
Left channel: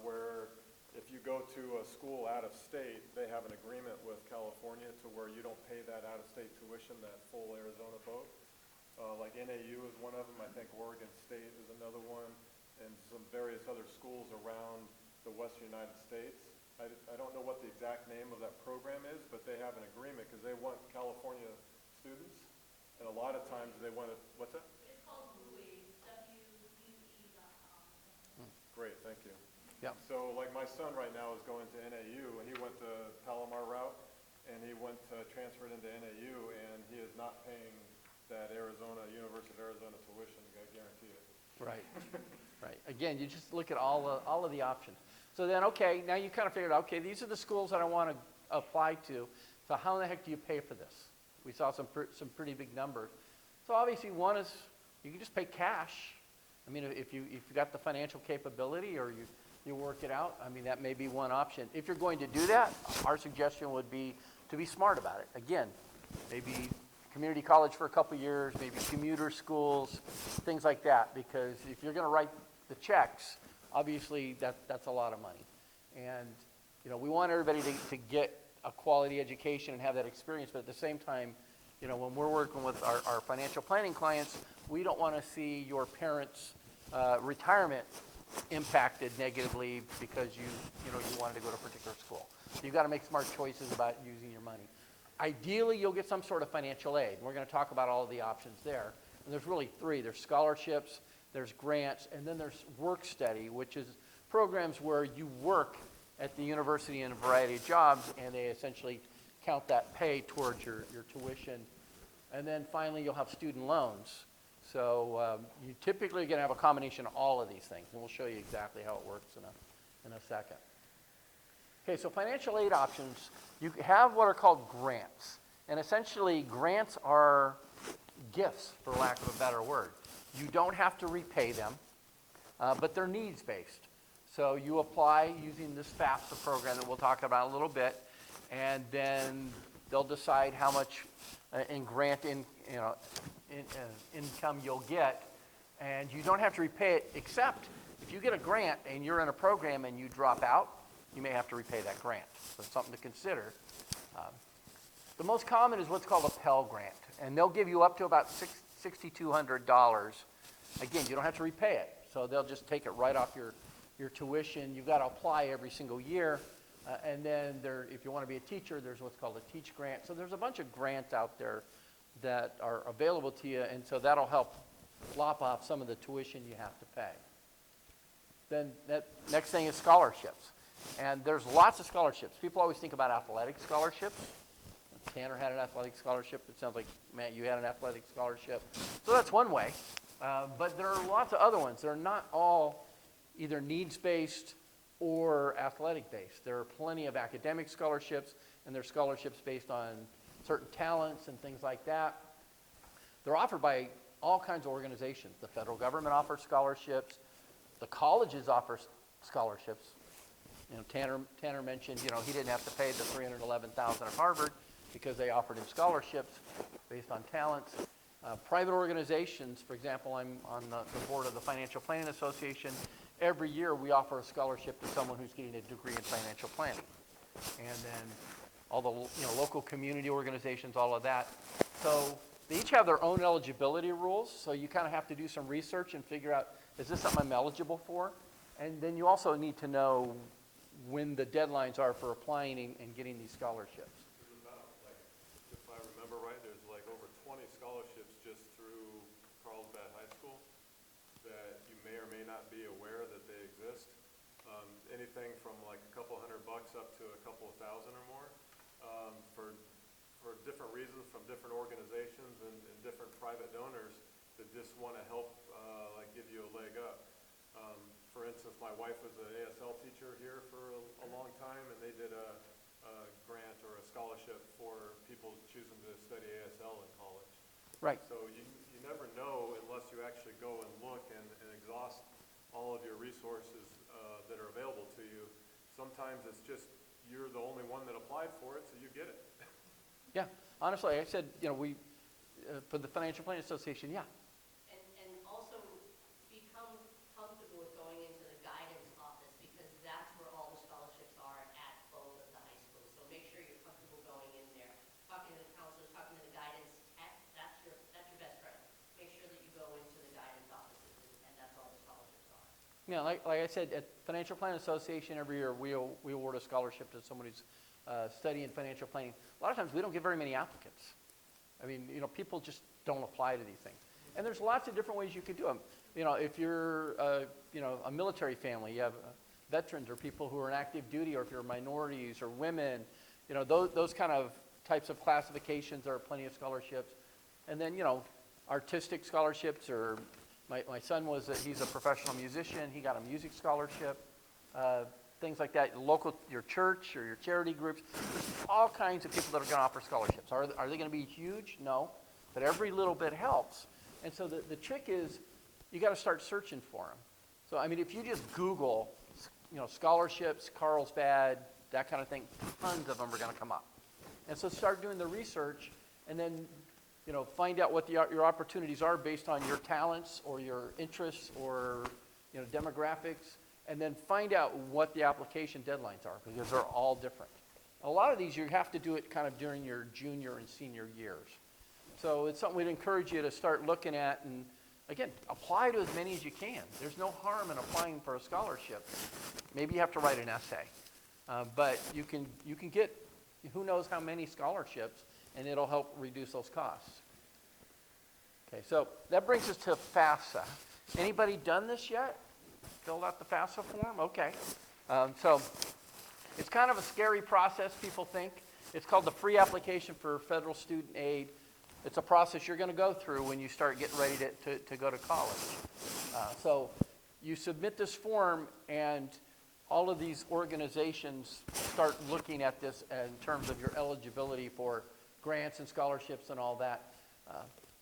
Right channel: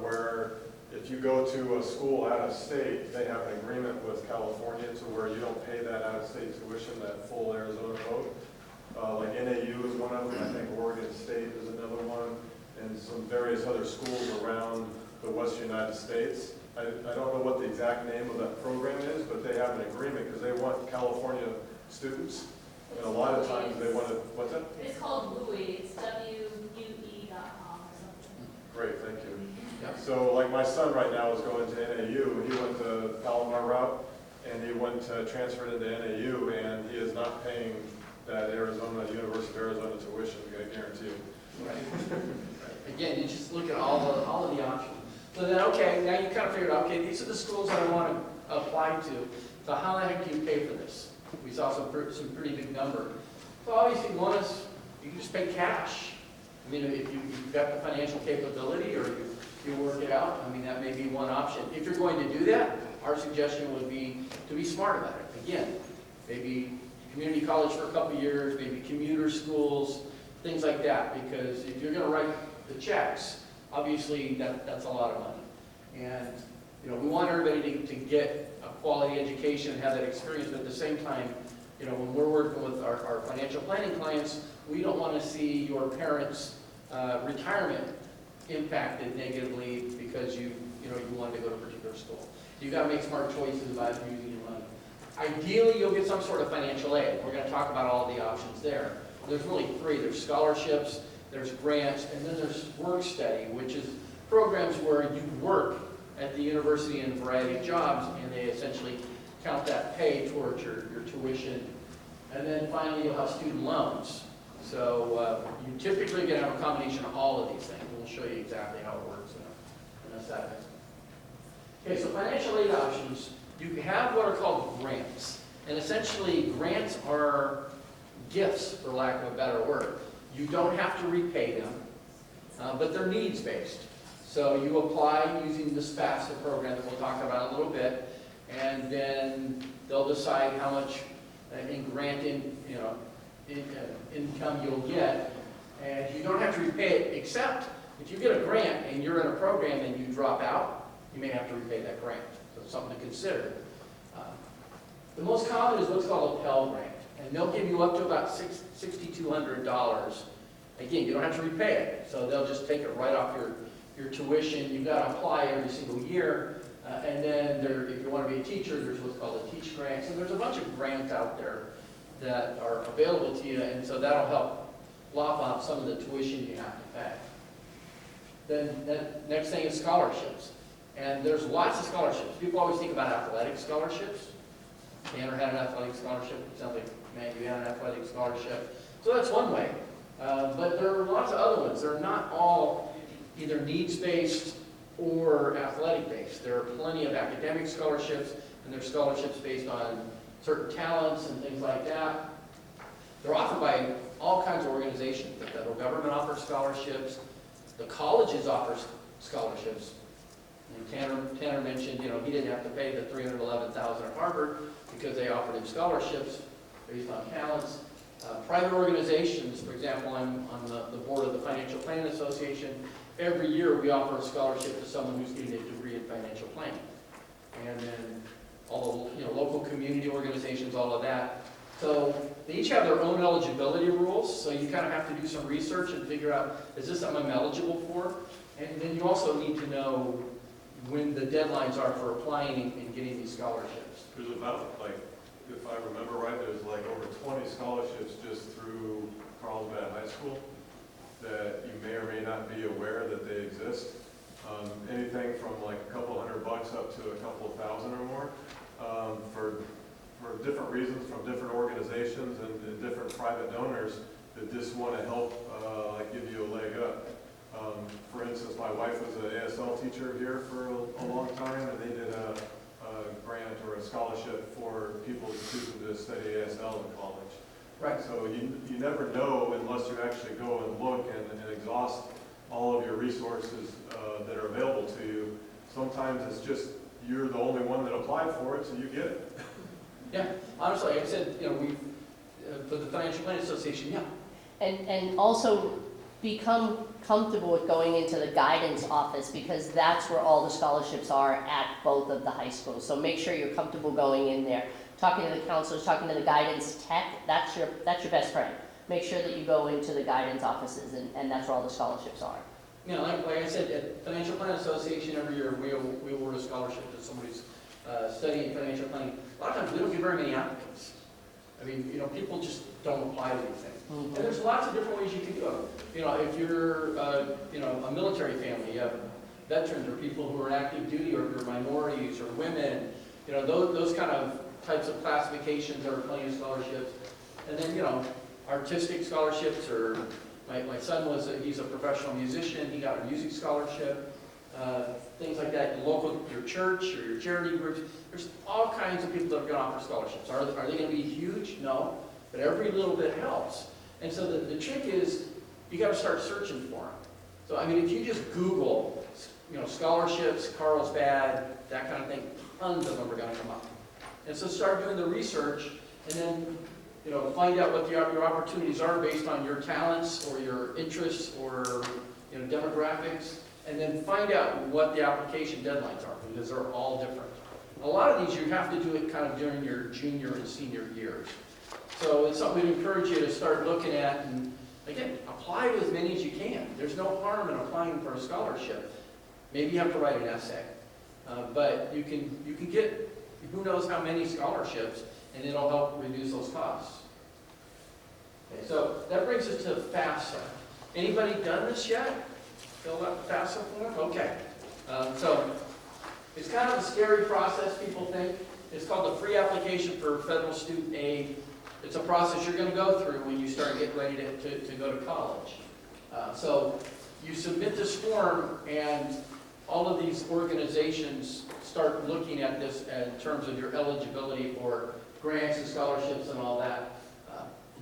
where If you go to a school out of state, they have an agreement with California to where you don't pay that out-of-state tuition, that full Arizona vote. Like NAU is one of them, I think Oregon State is another one, and some various other schools around the western United States. I don't know what the exact name of that program is, but they have an agreement because they want California students. And a lot of times they want to, what's that? It's called WUE, it's WUE.com or something. Great, thank you. Yep. So like my son right now is going to NAU, he went to Palomar route, and he went transferred into NAU, and he is not paying that Arizona, University of Arizona tuition, I guarantee you. Right. Again, you just look at all of the options. So then, okay, now you kind of figured out, okay, these are the schools that I want to apply to. So how the heck do you pay for this? We saw some pretty big number. So obviously one is, you can just pay cash. I mean, if you've got the financial capability or you work it out, I mean, that may be one option. If you're going to do that, our suggestion would be to be smart about it. Again, maybe community college for a couple of years, maybe commuter schools, things like that. Because if you're going to write the checks, obviously that's a lot of money. And, you know, we want everybody to get a quality education and have that experience, but at the same time, you know, when we're working with our financial planning clients, we don't want to see your parents' retirement impacted negatively because you wanted to go to a particular school. You've got to make smart choices about using your money. Ideally, you'll get some sort of financial aid. We're going to talk about all the options there. There's really three. There's scholarships, there's grants, and then there's work study, which is programs where you work at the university in a variety of jobs, and they essentially count that pay towards your tuition. And then finally, you'll have student loans. So you typically are going to have a combination of all of these things. We'll show you exactly how it works in a second. Okay, so financial aid options, you have what are called grants. And essentially, grants are gifts, for lack of a better word. You don't have to repay them, but they're needs-based. So you apply using this FAFSA program that we'll talk about in a little bit, and then they'll decide how much in grant income you'll get, and you don't have to repay it, except if you get a grant and you're in a program and you drop out, you may have to repay that grant. So something to consider. The most common is what's called a Pell Grant, and they'll give you up to about $6,200. Again, you don't have to repay it, so they'll just take it right off your tuition. You've got to apply every single year, and then if you want to be a teacher, there's what's called a Teach Grant. So there's a bunch of grants out there that are available to you, and so that'll help lop off some of the tuition you have to pay. Then next thing is scholarships, and there's lots of scholarships. People always think about athletic scholarships. Tanner had an athletic scholarship. It sounds like, man, you had an athletic scholarship. So that's one way. But there are lots of other ones. They're not all either needs-based or athletic-based. There are plenty of academic scholarships, and there's scholarships based on certain talents and things like that. They're offered by all kinds of organizations. The federal government offers scholarships. The colleges offer scholarships. Tanner mentioned, he didn't have to pay the $311,000 at Harvard because they offered him scholarships based on talents. Private organizations, for example, I'm on the board of the Financial Planning Association. Every year we offer a scholarship to someone who's getting a degree in financial planning. And then all the local community organizations, all of that. So they each have their own eligibility rules, so you kind of have to do some research and figure out, is this something I'm eligible for? And then you also need to know when the deadlines are for applying and getting these scholarships. There's about, if I remember right, there's over 20 scholarships just through Carlsbad High School that you may or may not be aware that they exist. Anything from a couple $100 up to a couple thousand or more for different reasons from different organizations and different private donors that just want to help give you a leg up. For instance, my wife was an ASL teacher here for a long time, and they did a grant or a scholarship for people choosing to study ASL in college. Right. So you never know unless you actually go and look and exhaust all of your resources that are available to you. Sometimes it's just you're the only one that applied for it, so you get it. Yeah, honestly, like I said, we for the Financial Planning Association, yeah. And also, become comfortable with going into the guidance office, because that's where all the scholarships are at both of the high schools. So make sure you're comfortable going in there, talking to the counselors, talking to the guidance tech. That's your best friend. Make sure that you go into the guidance offices, and that's where all the scholarships are. You know, like I said, at Financial Plan Association, every year we award a scholarship to somebody's studying financial planning. A lot of times we don't get very many applicants. I mean, you know, people just don't apply to these things. Mhm. And there's lots of different ways you can do it. You know, if you're, you know, a military family, you have veterans or people who are active duty, or if you're minorities or women, you know, those kind of types of classifications, there are plenty of scholarships. And then, you know, artistic scholarships, or my son he's a professional musician, he got a music scholarship, things like that. Your church or your charity groups, there's all kinds of people that are going to offer scholarships. Are they going to be huge? No, but every little bit helps. And so the trick is, you got to start searching for them. So I mean, if you just Google, you know, scholarships, Carlsbad, that kind of thing, tons of them are going to come up. And so start doing the research, and then, you know, find out what your opportunities are based on your talents or your interests or, you know, demographics, and then find out what the application deadlines are, because they're all different. A lot of these you have to do it kind of during your junior and senior years. So it's something we'd encourage you to start looking at, and again, apply to as many as you can. There's no harm in applying for a scholarship. Maybe you have to write an essay, but you can get who knows how many scholarships, and it'll help reduce those costs. Okay, so that brings us to FAFSA. Anybody done this yet? Filled out the FAFSA form? Okay. So it's kind of a scary process, people think. It's called the Free Application for Federal Student Aid. It's a process you're going to go through when you start getting ready to go to college. So you submit this form, and all of these organizations start looking at this in terms of your eligibility for grants and scholarships and all that.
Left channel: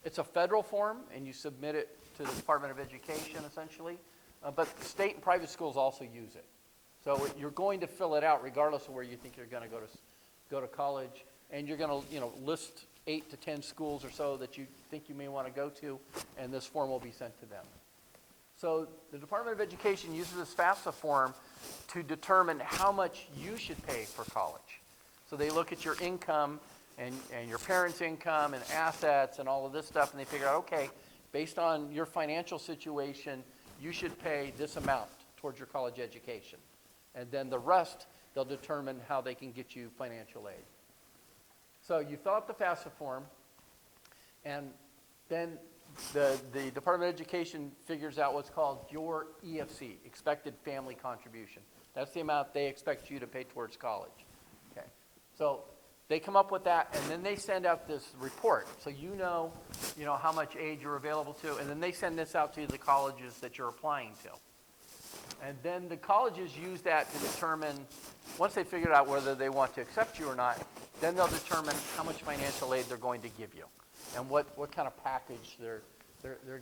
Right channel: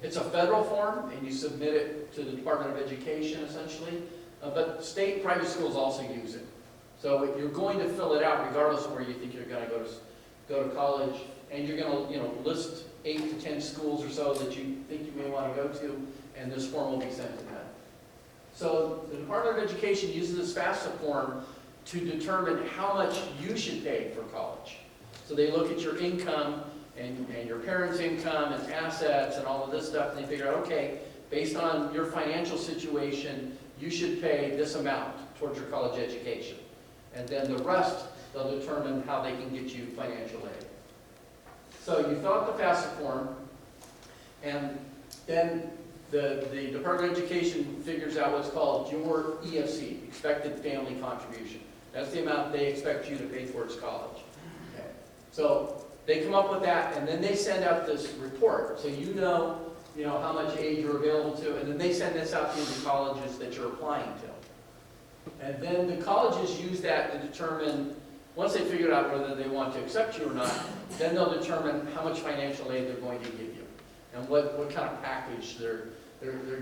It's a federal form, and you submit it to the Department of Education, essentially. But state and private schools also use it. So you're going to fill it out regardless of where you think you're going to go to college, and you're going to, you know, list 8 to 10 schools or so that you think you may want to go to, and this form will be sent to them. So the Department of Education uses this FAFSA form to determine how much you should pay for college. So they look at your income and your parents' income and assets and all of this stuff, and they figure out, okay, based on your financial situation, you should pay this amount towards your college education. And then the rest, they'll determine how they can get you financial aid. So you fill out the FAFSA form, and then the Department of Education figures out what's called your EFC, expected family contribution. That's the amount they expect you to pay towards college. Okay. So they come up with that, and then they send out this report. So you know how much aid you're available to, and then they send this out to the colleges that you're applying to. And then the colleges use that to determine, once they figure out whether they want to accept you or not, then they'll determine how much financial aid they're going to give you and what kind of package they're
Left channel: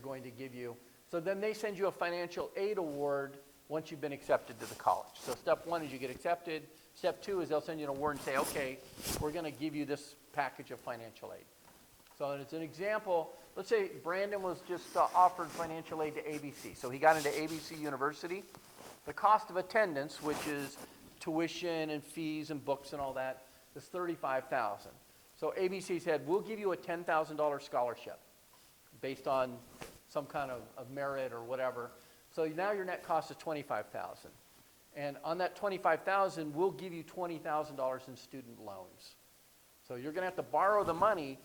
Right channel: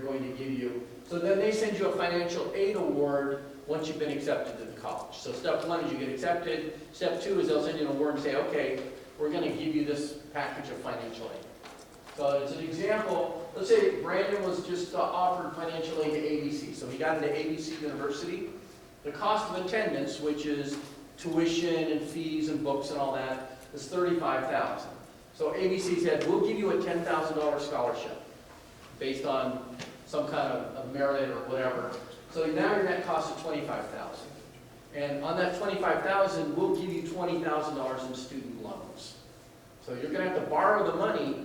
going to give you. So then they send you a financial aid award once you've been accepted to the college. So step 1 is you get accepted. Step 2 is they'll send you an award and say, okay, we're going to give you this package of financial aid. So as an example, let's say Brandon was just offered financial aid to ABC. So he got into ABC University. The cost of attendance, which is tuition and fees and books and all that, is $35,000. So ABC said, we'll give you a $10,000 scholarship based on some kind of merit or whatever. So now your net cost is $25,000. And on that $25,000, we'll give you $20,000 in student loans. So you're going to have to borrow the money,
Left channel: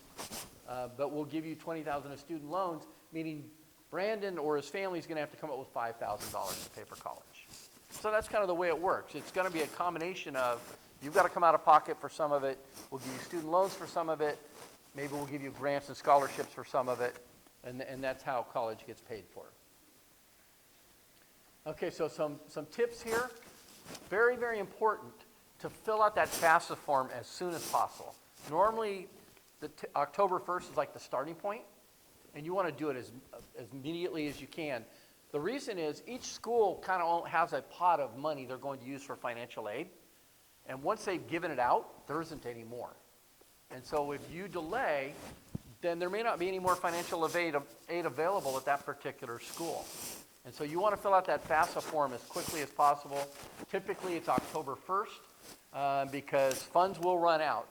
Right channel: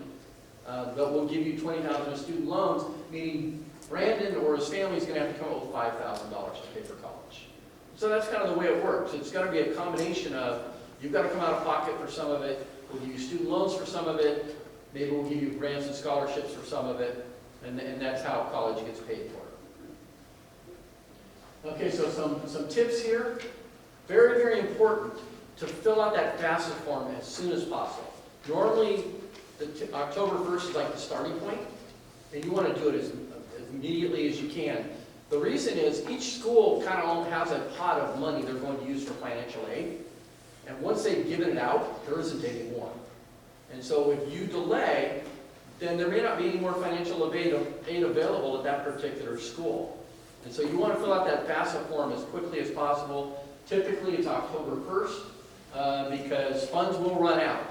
but we'll give you $20,000 in student loans, meaning Brandon or his family is going to have to come up with $5,000 to pay for college. So that's kind of the way it works. It's going to be a combination of, you've got to come out of pocket for some of it, we'll give you student loans for some of it, maybe we'll give you grants and scholarships for some of it, and that's how college gets paid for. Okay, so some tips here. Very, very important to fill out that FAFSA form as soon as possible. Normally, October 1st is like the starting point, and you want to do it as immediately as you can. The reason is each school kind of has a pot of money they're going to use for financial aid, and once they've given it out, there isn't any more. And so if you delay, then there may not be any more financial aid available at that particular school. And so you want to fill out that FAFSA form as quickly as possible. Typically, it's October 1st, because funds will run out.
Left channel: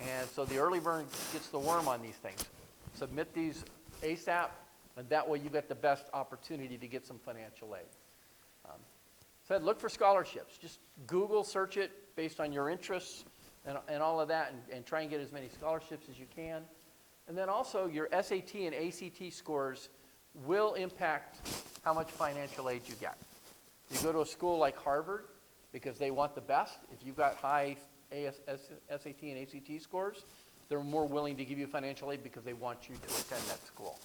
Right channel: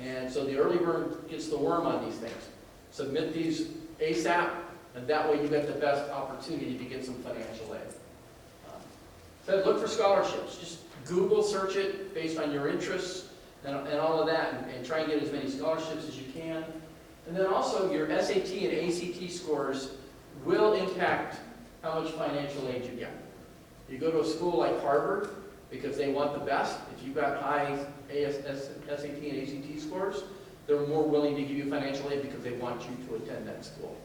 And so the early bird gets the worm on these things. Submit these ASAP, and that way you get the best opportunity to get some financial aid. So look for scholarships. Just Google search it based on your interests and all of that, and try and get as many scholarships as you can. And then also your SAT and ACT scores will impact how much financial aid you get. You go to a school like Harvard, because they want the best. If you've got high SAT and ACT scores, they're more willing to give you financial aid because they want you to attend that school.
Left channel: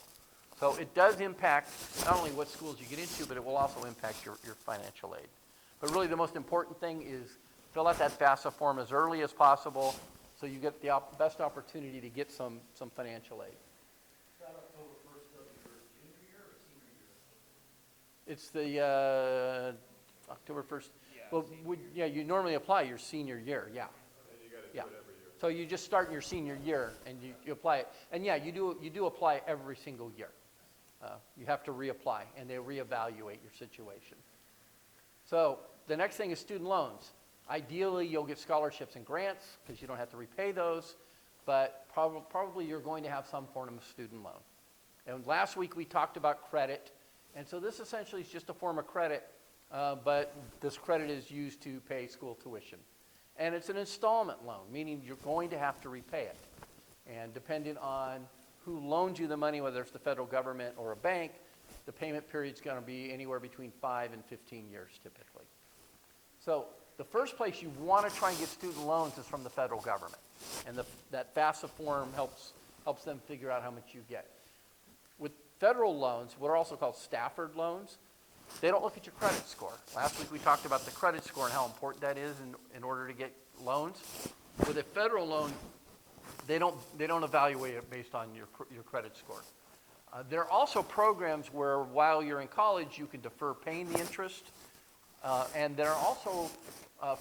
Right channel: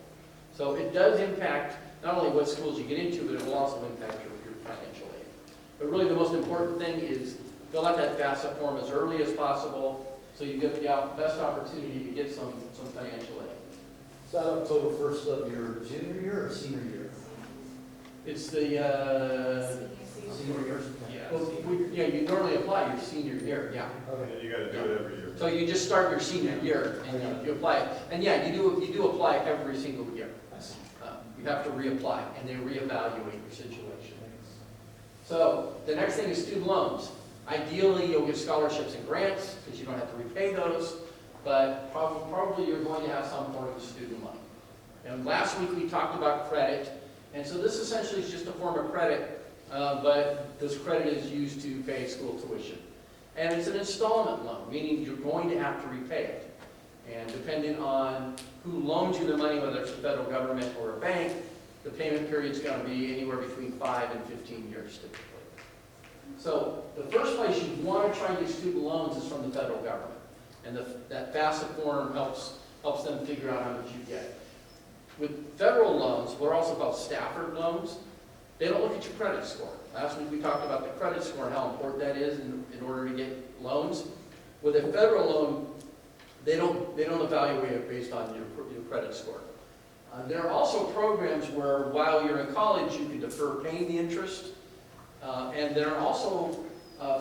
So it does impact not only what schools you get into, but it will also impact your financial aid. But really the most important thing is fill out that FAFSA form as early as possible so you get the best opportunity to get some financial aid. Is that October 1st of your junior year or senior year? It's the, Senior year. you normally apply your senior year, yeah. And you gotta do it every year. So you just start your senior year and you apply it. And yeah, you do apply every single year. I see. You have to reapply and they reevaluate your situation. So the next thing is student loans. Ideally, you'll get scholarships and grants because you don't have to repay those, but probably you're going to have some form of a student loan. And last week we talked about credit, and so this essentially is just a form of credit, but this credit is used to pay school tuition. And it's an installment loan, meaning you're going to have to repay it. And depending on who loans you the money, whether it's the federal government or a bank, the payment period is going to be anywhere between 5 and 15 years typically. So the first place you want to try and get student loans is from the federal government. And that FAFSA form helps them figure out how much you get. With federal loans, what are also called Stafford loans, they don't look at your credit score. Last week we talked about the credit score and how important that is in order to get loans. With a federal loan, they don't evaluate it based on your credit score. There are also programs where while you're in college, you can defer paying the interest. And there are also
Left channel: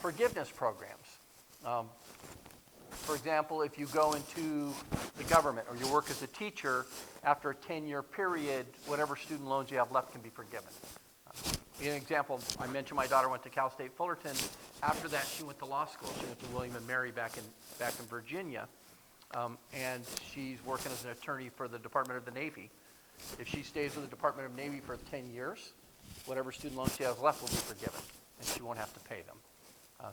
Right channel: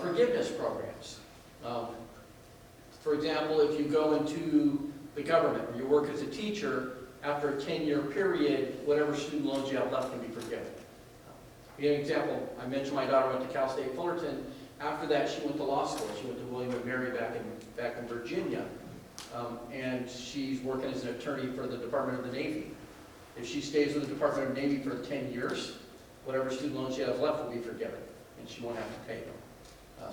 forgiveness programs. For example, if you go into the government or you work as a teacher, after a 10-year period, whatever student loans you have left can be forgiven. To give you an example, I mentioned my daughter went to Cal State Fullerton. After that, she went to law school. She went to William & Mary back in Virginia. And she's working as an attorney for the Department of the Navy. If she stays with the Department of the Navy for 10 years, whatever student loans she has left will be forgiven, and she won't have to pay them.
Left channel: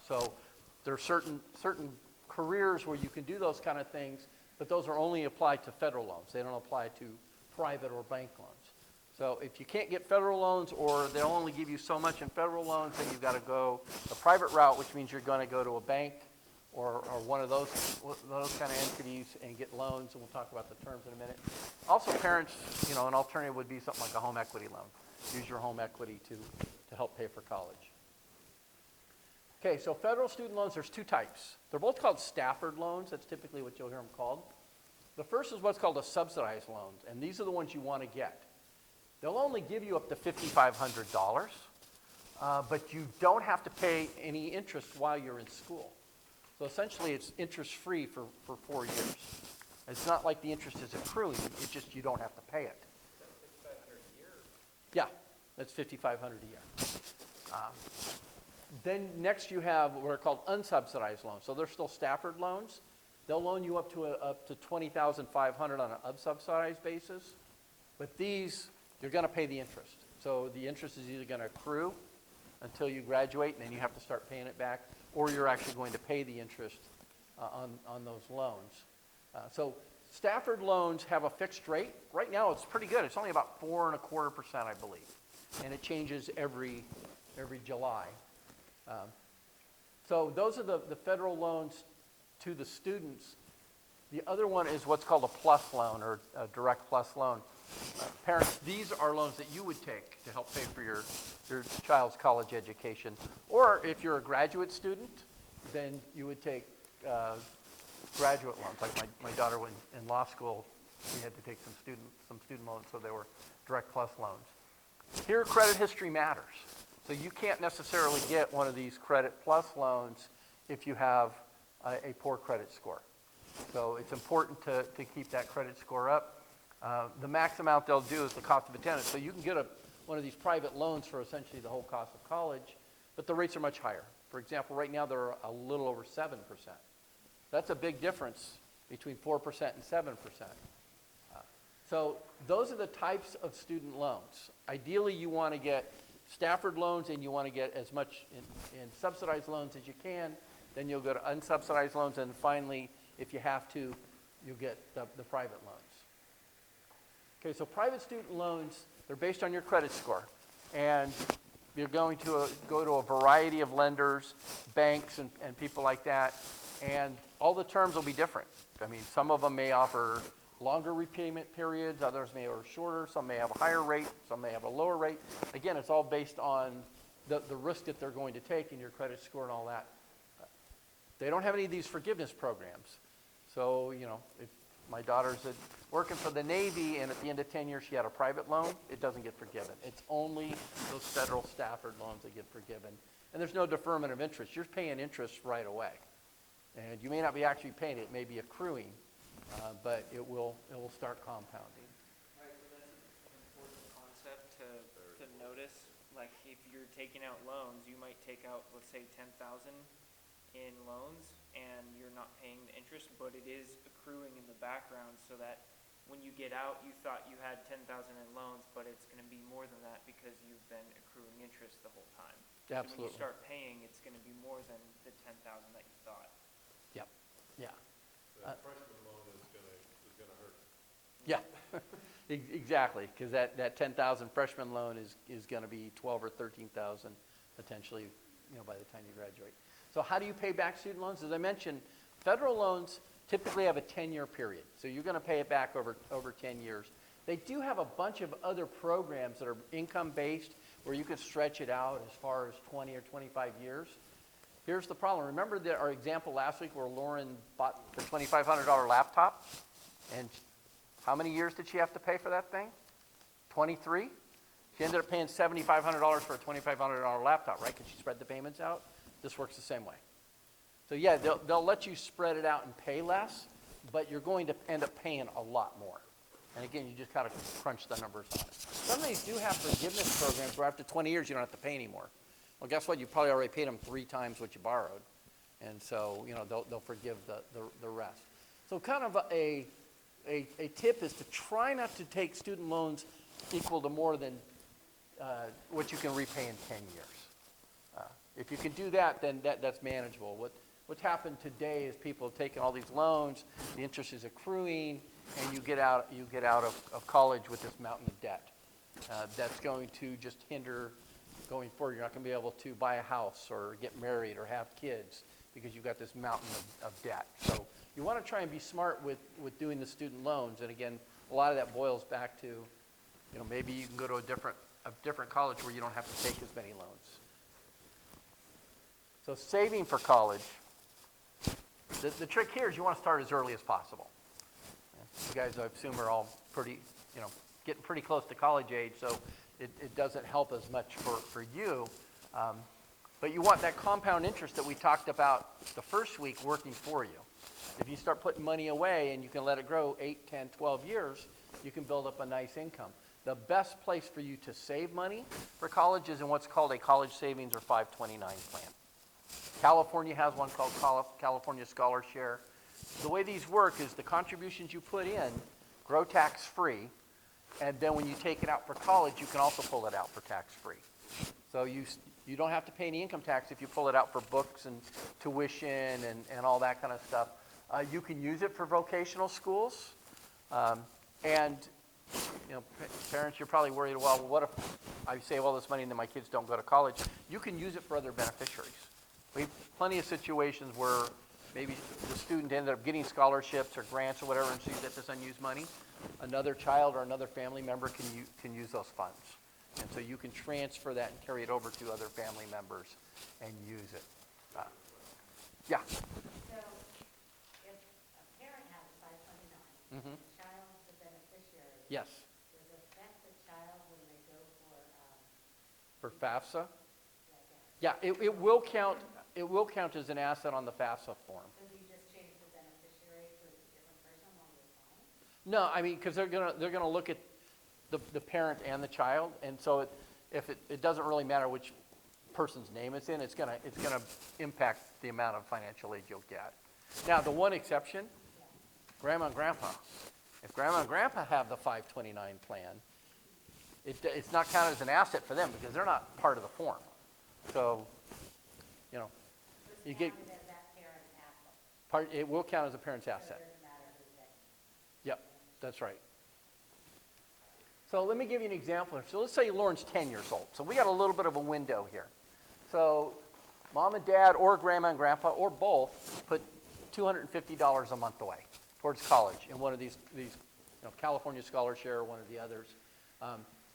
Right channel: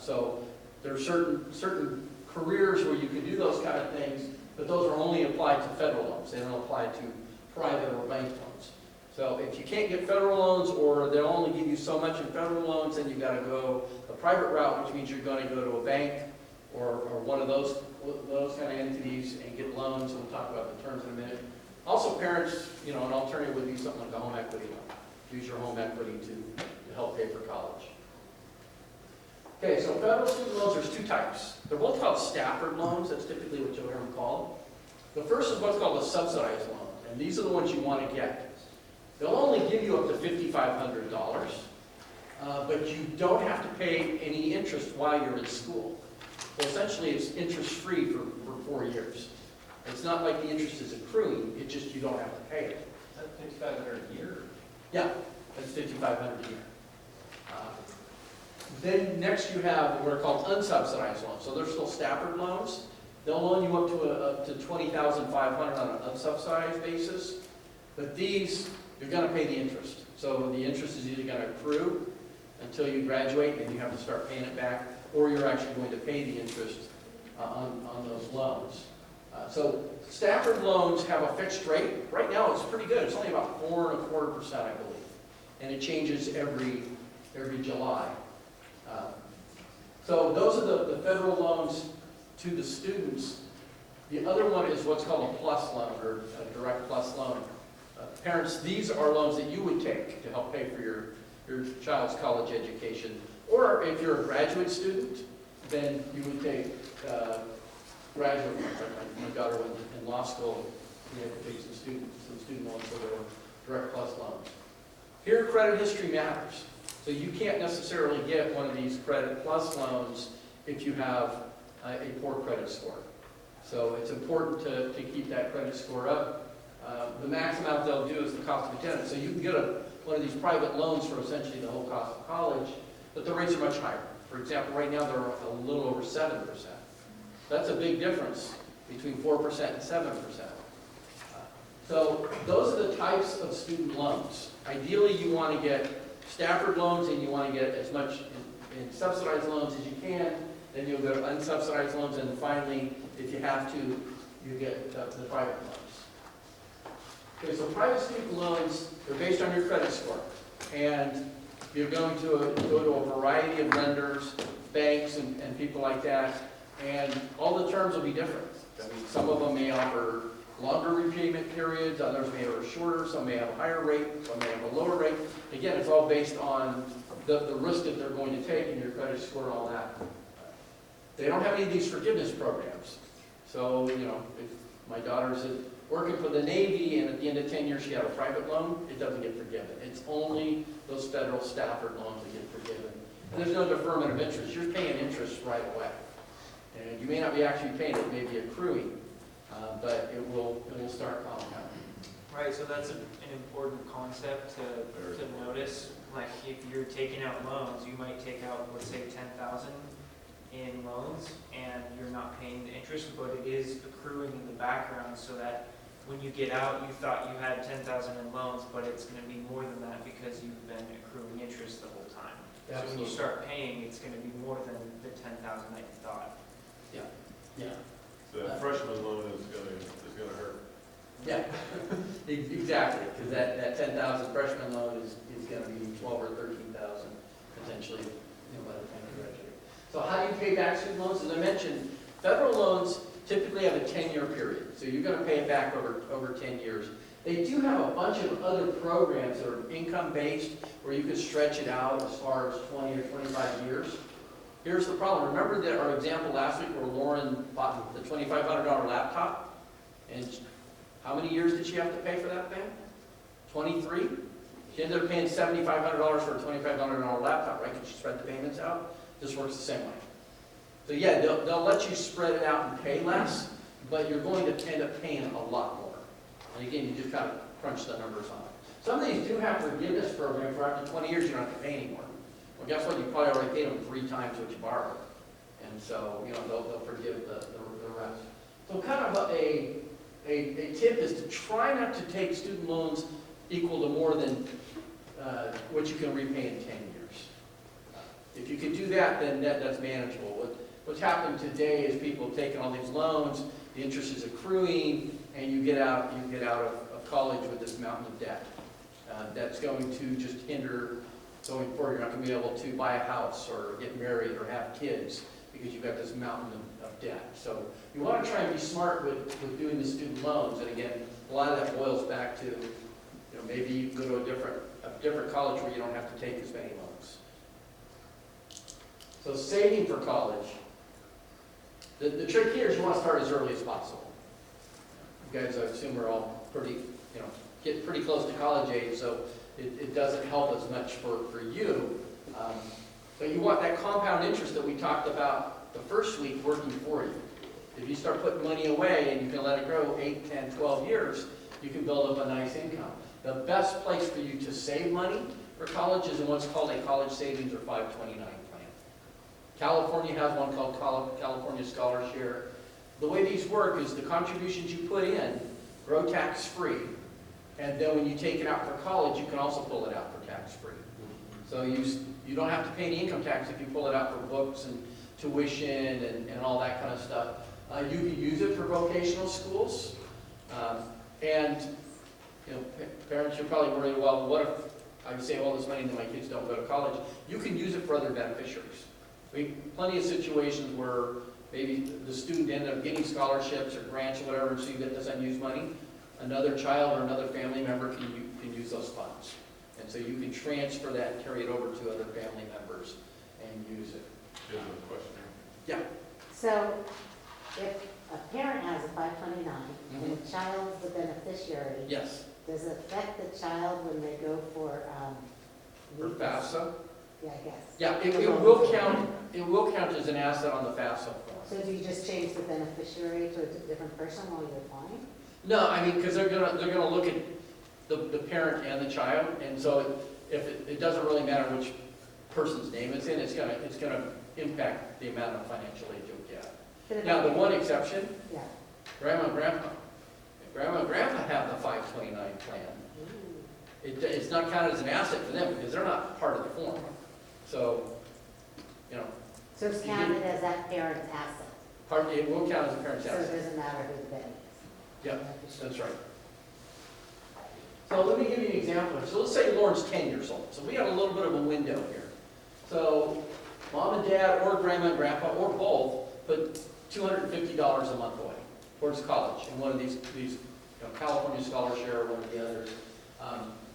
So there are certain careers where you can do those kind of things, but those are only applied to federal loans. They don't apply to private or bank loans. So if you can't get federal loans, or they'll only give you so much in federal loans, then you've got to go the private route, which means you're going to go to a bank or one of those kind of entities and get loans, and we'll talk about the terms in a minute. Also, parents, an alternative would be something like a home equity loan. Use your home equity to help pay for college. Okay, so federal student loans, there's two types. They're both called Stafford loans. That's typically what you'll hear them called. The first is what's called a subsidized loan, and these are the ones you want to get. They'll only give you up to $5,500, but you don't have to pay any interest while you're in school. So essentially, it's interest-free for 4 years. It's not like the interest is accruing, it's just you don't have to pay it. Is that $5,500 a year? Yeah, that's $5,500 a year. Then next you have what are called unsubsidized loans. So they're still Stafford loans. They'll loan you up to $20,500 on an unsubsidized basis. But these, you're going to pay the interest. So the interest is either going to accrue until you graduate and you have to start paying it back, or you're actually going to pay the interest on those loans. So Stafford loans have a fixed rate. Right now it's pretty good. It's only about 4.25%, I believe. And it changes every July. So those are the federal loans to the students. The other one is what's called a plus loan, or a direct plus loan. Parents, these are loans that you would take to help pay for your child's college education. Or if you're a graduate student, then you would take graduate loans. Like my daughter went in law school, we had to take some student loans, so they were direct plus loans. Here, credit history matters. So you can't necessarily get one of these credit plus loans if you have a poor credit score. So it's important to keep that credit score up. The max amount they'll do is the cost of attendance. So you can get a one of these private loans for essentially the whole cost of college, but the rates are much higher. For example, right now, they're a little over 7%. That's a big difference between 4% and 7%. So those are the types of student loans. Ideally, you want to get Stafford loans and you want to get as much in subsidized loans as you can. Then you'll go to unsubsidized loans, and finally, if you have to, you get the private loans. Okay, so private student loans are based on your credit score. And you're going to go to a variety of lenders, banks, and people like that. And all the terms will be different. I mean, some of them may offer longer repayment periods, others may offer shorter, some may have a higher rate, some may have a lower rate. Again, it's all based on the risk that they're going to take and your credit score and all that. They don't have any of these forgiveness programs. So, you know, if my daughter's working for the Navy and at the end of 10 years she had a private loan, it doesn't get forgiven. It's only those federal Stafford loans that get forgiven. And there's no deferment of interest. You're paying interest right away. And you may not be actually paying it, may be accruing, but it will start compounding. Right, so that's an important concept to notice. Like if you're taking out loans, you might take out, let's say, 10,000 in loans, and you're not paying the interest, but it is accruing in the background, so that when you get out, you thought you had 10,000 in loans, but it's going to be more than that because you've been accruing interest the whole time. So when you start paying, it's going to be more than the 10,000 that you thought. Yeah. The freshman loan is gonna hurt. Yeah, exactly, because that 10,000 freshman loan is going to be 12 or 13,000 potentially, you know, by the time you graduate. So how do you pay back student loans? As I mentioned, federal loans typically have a 10-year period, so you're going to pay it back over 10 years. They do have a bunch of other programs that are income-based, where you can stretch it out as far as 20 or 25 years. Here's the problem. Remember that our example last week where Lauren bought the $2,500 laptop? And how many years did she have to pay for that thing? 23? She ended up paying $7,500 for a $2,500 laptop, right? Can she spread the payments out? This works the same way. So yeah, they'll let you spread it out and pay less, but you're going to end up paying a lot more. And again, you just got to crunch the numbers on it. Some of these do have forgiveness programs where after 20 years you don't have to pay anymore. Well, guess what? You probably already paid them 3 times what you borrowed. And so, you know, they'll forgive the rest. So kind of a tip is to try not to take student loans equal to more than what you can repay in 10 years. If you can do that, then that's manageable. What's happened today is people have taken all these loans, the interest is accruing, and you get out of college with this mountain of debt. That's going to just hinder going forward. You're not going to be able to buy a house or get married or have kids because you've got this mountain of debt. So you want to try and be smart with doing the student loans. And again, a lot of that boils back to, you know, maybe you can go to a different college where you don't have to take as many loans. So saving for college. The trick here is you want to start as early as possible. You guys, I assume, are all pretty, you know, get pretty close to college age, so it doesn't help as much for you. But you want that compound interest that we talked about the first week working for you. If you start putting money away and you can let it grow 8, 10, 12 years, you can build up a nice income. The best place for you to save money for college is in what's called a college savings or 529 plan. California has one called California Scholar Share. The way these work is the contributions you put in grow tax-free, and then when you take it out for college, you can also pull it out for tax-free. So you don't have to pay any income tax if you pull it out for books and tuition and all that kind of stuff. You can use it for vocational schools, and you know, parents, you're probably worried, well, what if I save all this money and then my kids don't go to college? You can use it for other beneficiaries. We have plenty of situations where maybe the student ended up getting scholarships or grants or whatever, and so you get this unused money. Another child or another family member can use those funds. And so you can transfer that and carry it over to other family members and use it. Do you have a question? Yeah. So if a parent has a 529 and the child's the beneficiary, Yes. does it affect the child when they go for For leave? FAFSA? Yeah, I guess. Yeah, it will count. It will count as an asset on the FAFSA form. So do you just change the beneficiary to a different person while you're applying? No, I mean, because they're gonna look at the parent and the child, and so it doesn't really matter which person's name it's in, it's gonna impact the amount of financial aid you'll get. But if Now, the I- one exception, Yeah. grandma and grandpa. If grandma and grandpa have the 529 plan, it's not counted as an asset for them because they're not part of the form. So, you know, So it's You counted as that parent's asset, it will count as a parent's so it asset. doesn't matter who the parent is. Yep, that's right. So let me give you an example. So let's say Lauren's 10 years old. So we have a little bit of a window here. So mom and dad, or grandma and grandpa, or both, put $250 a month away towards college in one of these California Scholarship or one of the others.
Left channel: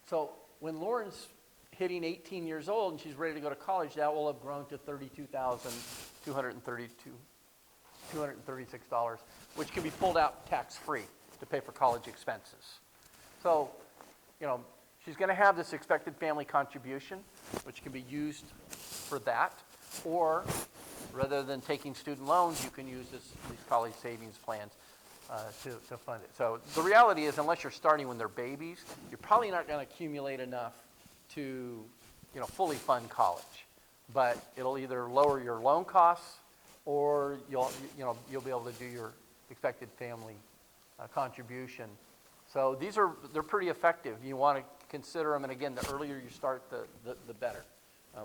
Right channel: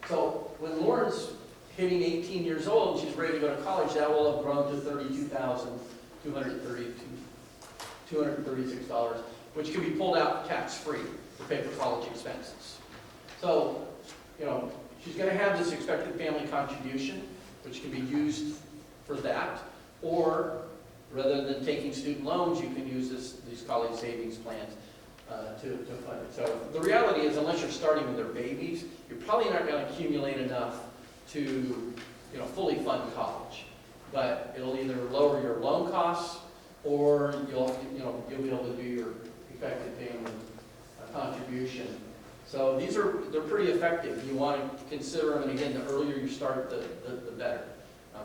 So when Lauren's hitting 18 years old, and she's ready to go to college, that will have grown to $236, which can be pulled out tax-free to pay for college expenses. So, you know, she's going to have this expected family contribution, which can be used for that, or rather than taking student loans, you can use these college savings plans to fund it. So the reality is, unless you're starting when they're babies, you're probably not going to accumulate enough to, you know, fully fund college. But it'll either lower your loan costs, or you'll be able to do your effective family contribution. So they're pretty effective. You want to consider them, and again, the earlier you start, the better.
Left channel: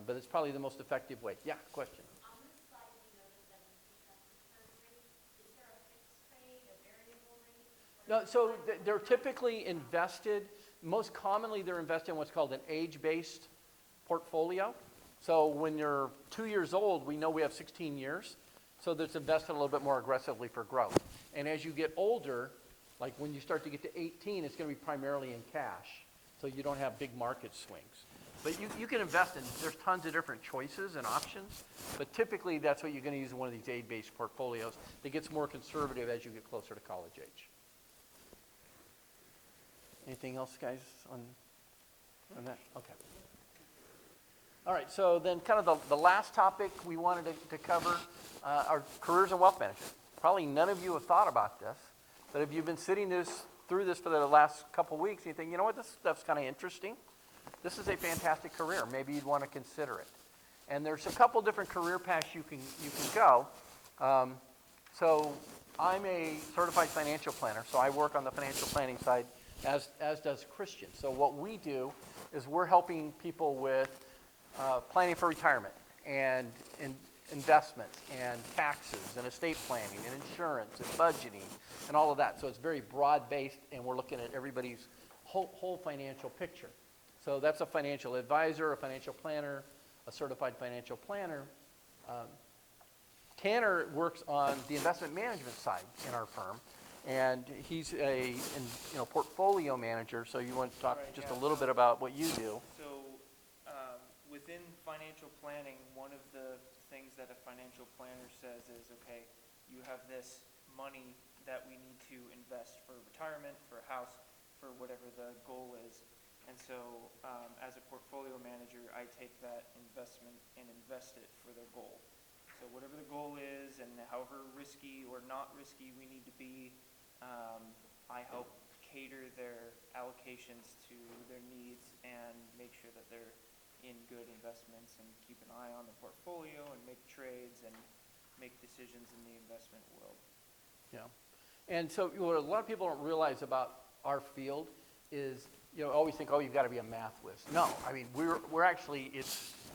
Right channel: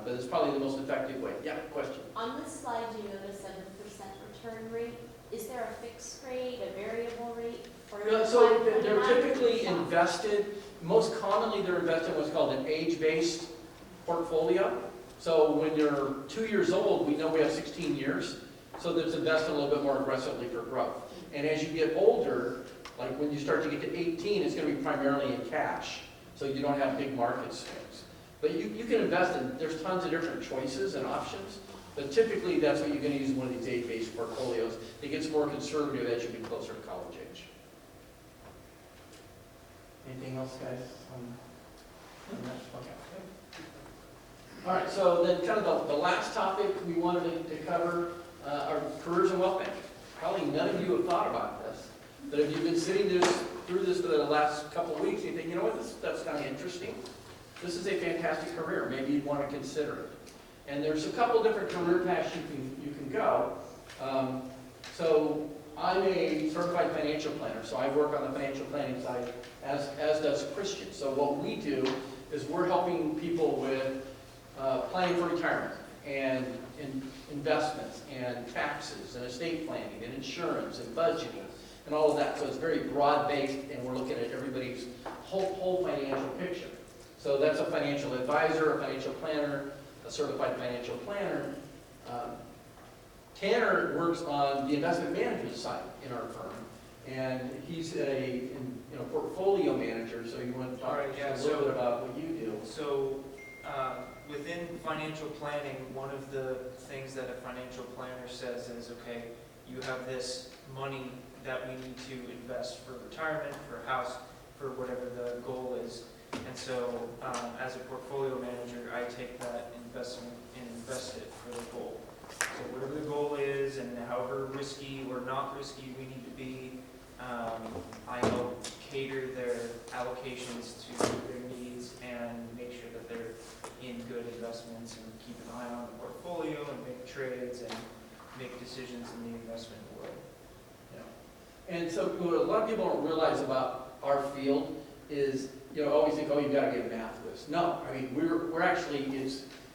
But it's probably the most effective way. Yeah, question? On this slide, you notice a 7% return rate. Is there a fixed rate, a variable rate? Or So they're typically invested, most commonly they're invested in what's called an age-based portfolio. So when you're 2 years old, we know we have 16 years, so that's invested a little bit more aggressively for growth. And as you get older, like when you start to get to 18, it's going to be primarily in cash, so you don't have big market swings. But you can invest in, there's tons of different choices and options, but typically that's what you're going to use in one of these age-based portfolios. It gets more conservative as you get closer to college age. Anything else, guys, on that? Okay. All right, so then kind of the last topic we wanted to cover are careers and wealth management. Probably none of you have thought about this, but if you've been sitting through this for the last couple of weeks, you think, you know what, this stuff's kind of interesting. This is a fantastic career. Maybe you'd want to consider it. And there's a couple different career paths you can go. So I'm a certified financial planner, so I work on the financial planning side, as does Christian. So what we do is we're helping people with planning for retirement and investments and taxes and estate planning and insurance and budgeting and all of that. So it's very broad-based, and we're looking at everybody's whole financial picture. So that's a financial advisor, a financial planner, a certified financial planner. Tanner works on the investment management side in our firm, and he's a portfolio manager. So you want to talk just a little bit about what you do? So within financial planning, one of the things that a financial planner says is, okay, you have this money that we need to invest for retirement, for a house, for whatever the goal is. And so as a portfolio manager, I take that investment and invest it for the goal. So whatever the goal is, and however risky or not risky we need to be, I help cater their allocations to their needs and make sure that they're in good investments and keep an eye on the portfolio and make trades and make decisions in the investment world. And so what a lot of people don't realize about our field is, always think, oh, you got to be a math whiz. No, I mean, we're actually,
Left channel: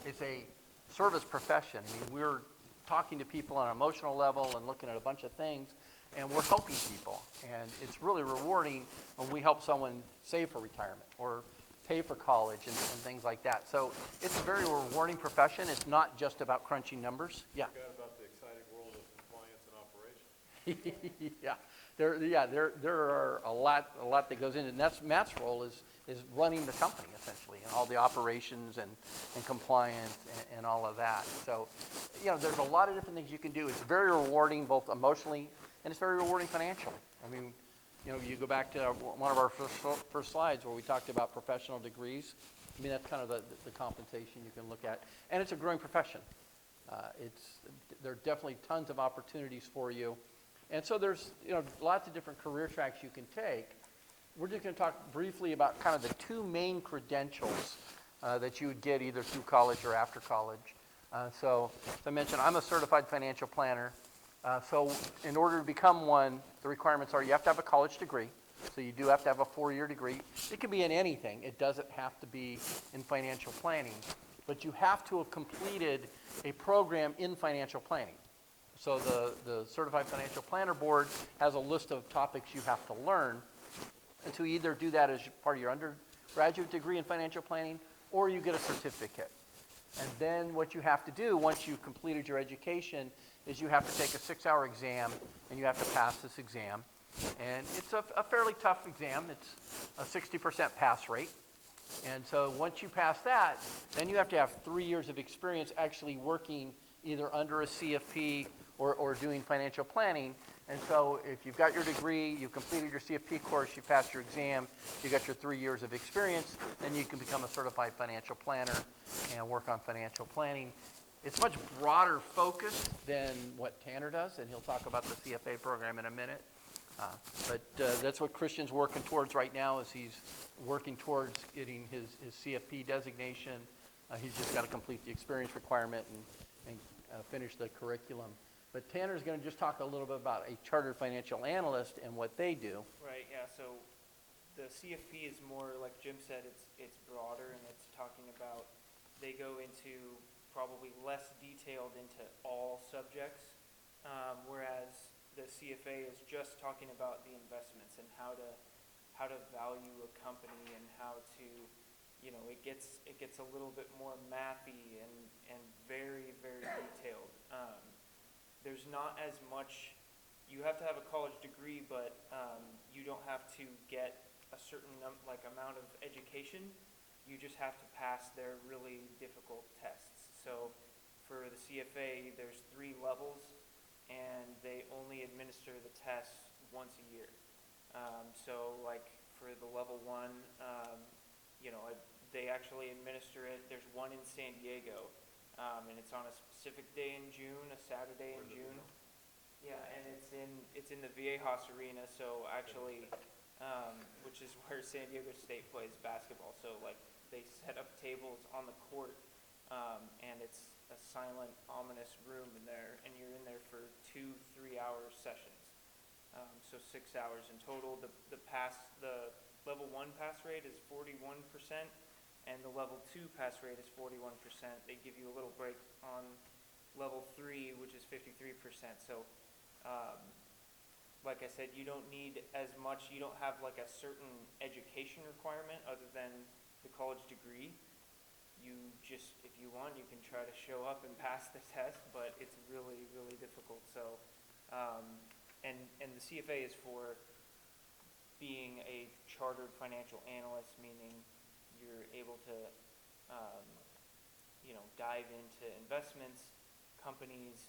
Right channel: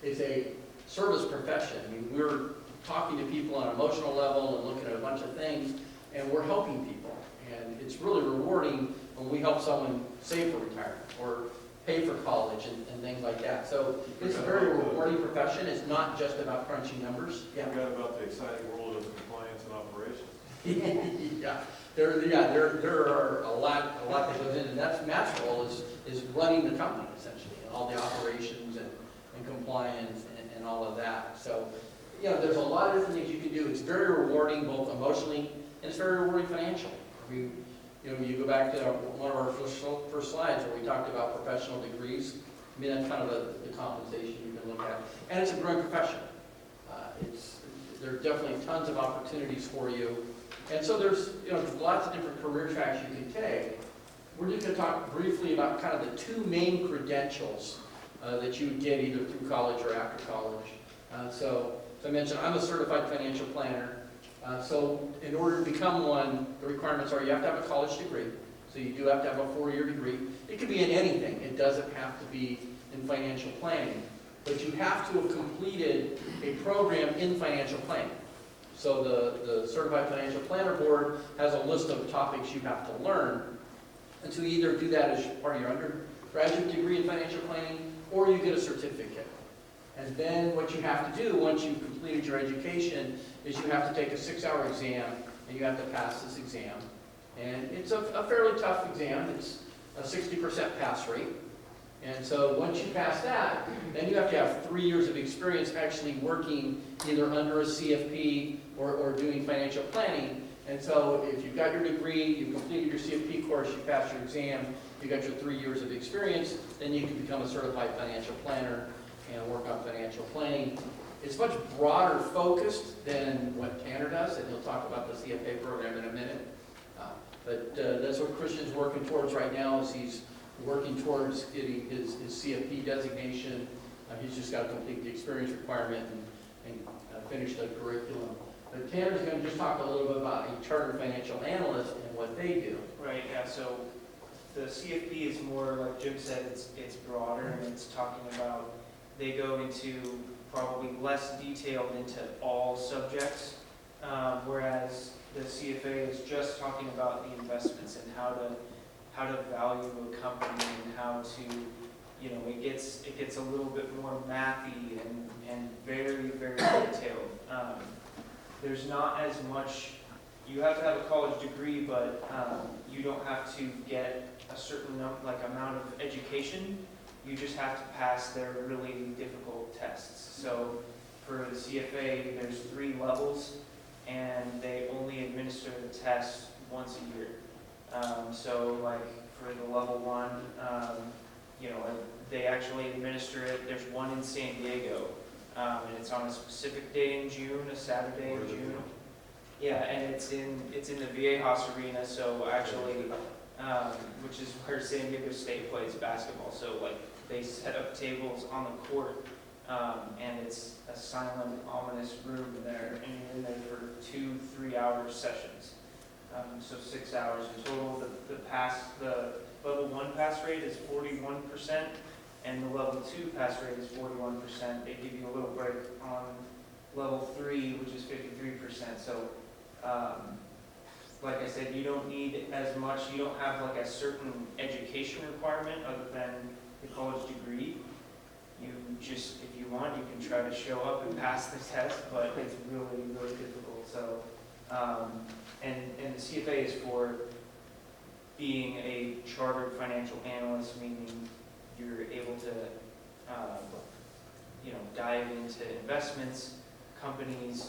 it's a service profession. I mean, we're talking to people on an emotional level and looking at a bunch of things, and we're helping people. And it's really rewarding when we help someone save for retirement or pay for college and things like that. So it's a very rewarding profession. It's not just about crunching numbers. Yeah. Forgot about the exciting world of compliance and operations. There are a lot that goes in, and that's Matt's role is running the company essentially, and all the operations and compliance and all of that. So, there's a lot of different things you can do. It's very rewarding both emotionally and it's very rewarding financially. I mean, you go back to one of our first slides where we talked about professional degrees. I mean, that's kind of the compensation you can look at, and it's a growing profession. There are definitely tons of opportunities for you. And so there's lots of different career tracks you can take, we're just gonna talk briefly about kind of the two main credentials that you would get either through college or after college. So, as I mentioned, I'm a certified financial planner. So in order to become one, the requirements are you have to have a college degree. So you do have to have a 4-year degree. It could be in anything. It doesn't have to be in financial planning. But you have to have completed a program in financial planning. So the Certified Financial Planner Board has a list of topics you have to learn. And so you either do that as part of your undergraduate degree in financial planning, or you get a certificate. And then what you have to do once you've completed your education is you have to take a 6-hour exam, and you have to pass this exam. And it's a fairly tough exam. It's a 60% pass rate. And so once you pass that, then you have to have 3 years of experience actually working either under a CFP or doing financial planning. And so if you've got your degree, you completed your CFP course, you passed your exam, you got your 3 years of experience, then you can become a certified financial planner and work on financial planning. It's much broader focused than what Tanner does, and he'll talk about the CFA program in a minute. But that's what Christian's working towards right now, is he's working towards getting his CFP designation. He's just got to complete the experience requirement and finish the curriculum. But Tanner's going to just talk a little bit about a chartered financial analyst and what they do. Right, yeah, so the CFP is more, like Jim said, it's broader, and it's talking about, they go into probably less detailed into all subjects, whereas the CFA is just talking about the investments and how to value a company and how to, you know, it gets a little bit more mathy and very, very detailed. There's not as much, you have to have a college degree, but you don't have to get a certain amount of education. You just have to pass their really difficult tests. So for the CFA, there's 3 levels, and they only administer the test once a year. So like for the level 1, you know, they actually administer it. There's one in San Diego, and it's on a specific day in June, a Saturday in June. Yeah, and it's in the Viejas Arena, so actually, which is where San Diego State plays basketball. So like they set up tables on the court, and it's a silent, ominous room there, and you're in there for 2-3 hour sessions. So 6 hours in total. The level 1 pass rate is 41%, and the level 2 pass rate is 41%. They give you a little break on level 3, which is 53%. So, like I said, you don't need as much. You don't have like a certain education requirement other than the college degree. You just, if you want, you can try to show up and pass the test, but it's really, really difficult. So, and the CFA is for being a chartered financial analyst, meaning you're able to, you know, dive into investments, companies,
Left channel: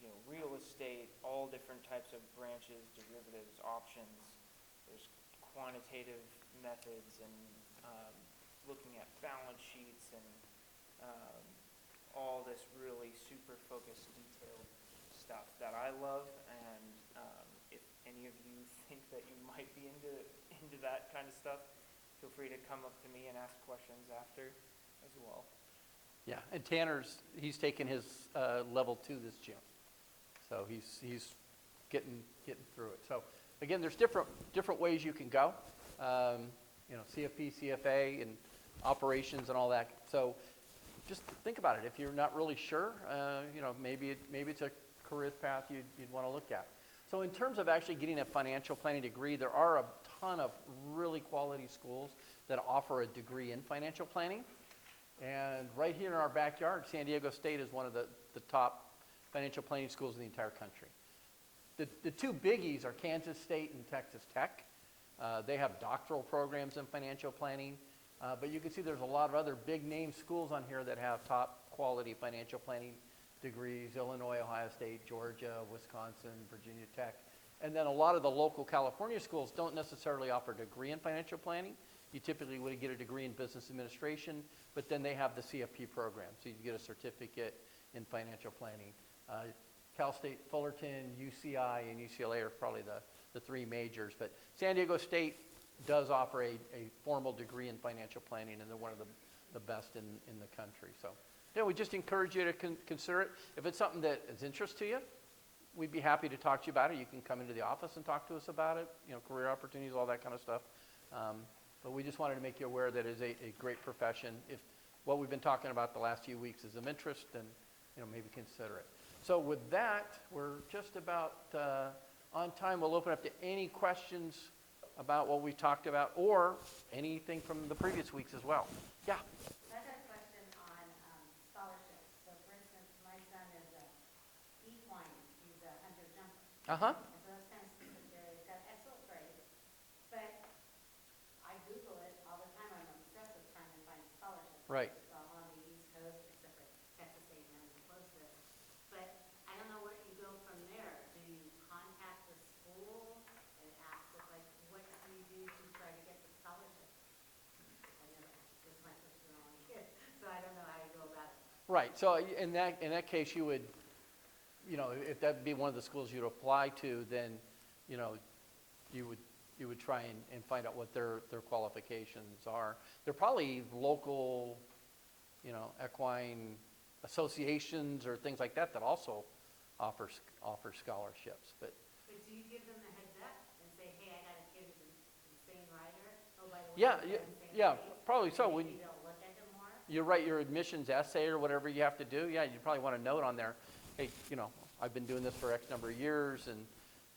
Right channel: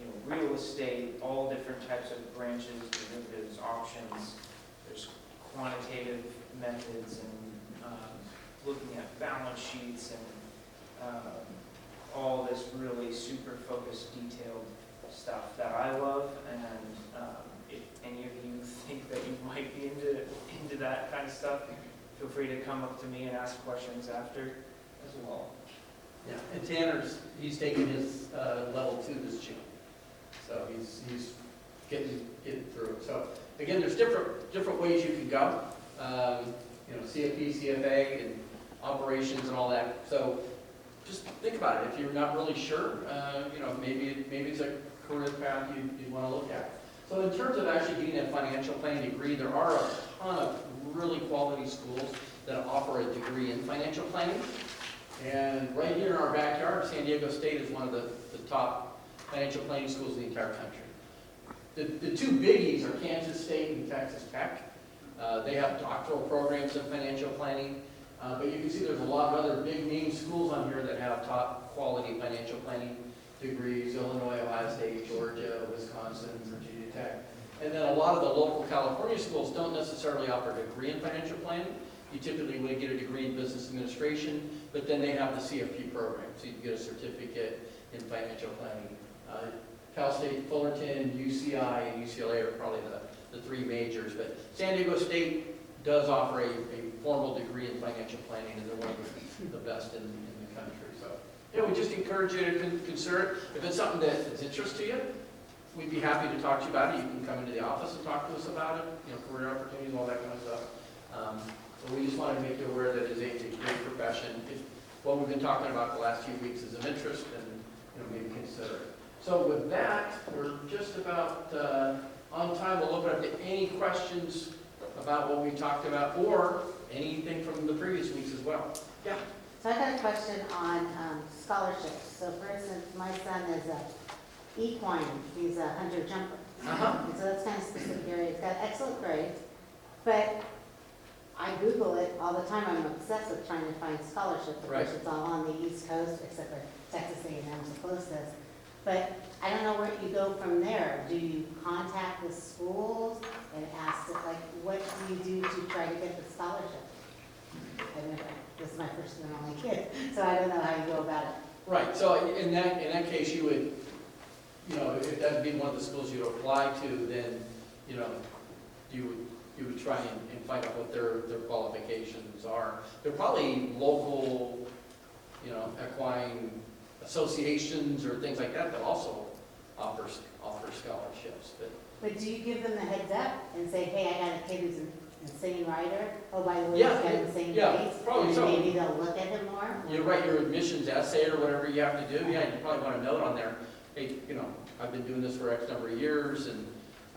you know, real estate, all different types of branches, derivatives, options. There's quantitative methods and looking at balance sheets and all this really super focused, detailed stuff that I love. And if any of you think that you might be into that kind of stuff, feel free to come up to me and ask questions after as well. Yeah, and he's taking his level 2 this June. So he's getting through it. So again, there's different ways you can go. You know, CFP, CFA, and operations and all that. So just think about it. If you're not really sure, you know, maybe it's a career path you'd want to look at. So in terms of actually getting a financial planning degree, there are a ton of really quality schools that offer a degree in financial planning. And right here in our backyard, San Diego State is one of the top financial planning schools in the entire country. The 2 biggies are Kansas State and Texas Tech. They have doctoral programs in financial planning. But you can see there's a lot of other big name schools on here that have top quality financial planning degrees: Illinois, Ohio State, Georgia, Wisconsin, Virginia Tech. And then a lot of the local California schools don't necessarily offer a degree in financial planning. You typically would get a degree in business administration, but then they have the CFP program, so you can get a certificate in financial planning. Cal State Fullerton, UCI, and UCLA are probably the three majors. But San Diego State does offer a formal degree in financial planning, and they're one of the best in the country. So, yeah, we just encourage you to consider it. If it's something that is interest to you, we'd be happy to talk to you about it. You can come into the office and talk to us about it, career opportunities, all that kind of stuff. So we just wanted to make you aware that it's a great profession. If what we've been talking about the last few weeks is of interest, then maybe consider it. So with that, we're just about on time. We'll open up to any questions about what we talked about or anything from the previous weeks as well. Yeah. So I got a question on scholarships. So for instance, my son is a equine, he's a hunter jumper. Uh-huh. And so that's kind of specific area. He's got excellent grades, but I Google it all the time. I'm obsessed with trying to find scholarships. Of Right. course, it's all on the East Coast, except for Texas A&M, so close to us. But I don't know where you go from there. Do you contact the schools and ask, like, what do you do to try to get the scholarship? I've never, this is my first and only kid, so I don't know how you go about it. Right. So in that case, you would, if that'd be one of the schools you'd apply to, then, you would try and find out what their qualifications are. They're probably local, equine associations or things like that that also offer scholarships. But do you give them the heads up and say, hey, I got a kid who's an insane rider, oh, by the way, Yeah, he's got insane yeah, grades? probably And so. maybe they'll look at him more? You write your admissions essay or whatever you have to do, yeah, you probably want to note on there, hey, I've been doing this for X number of years, and,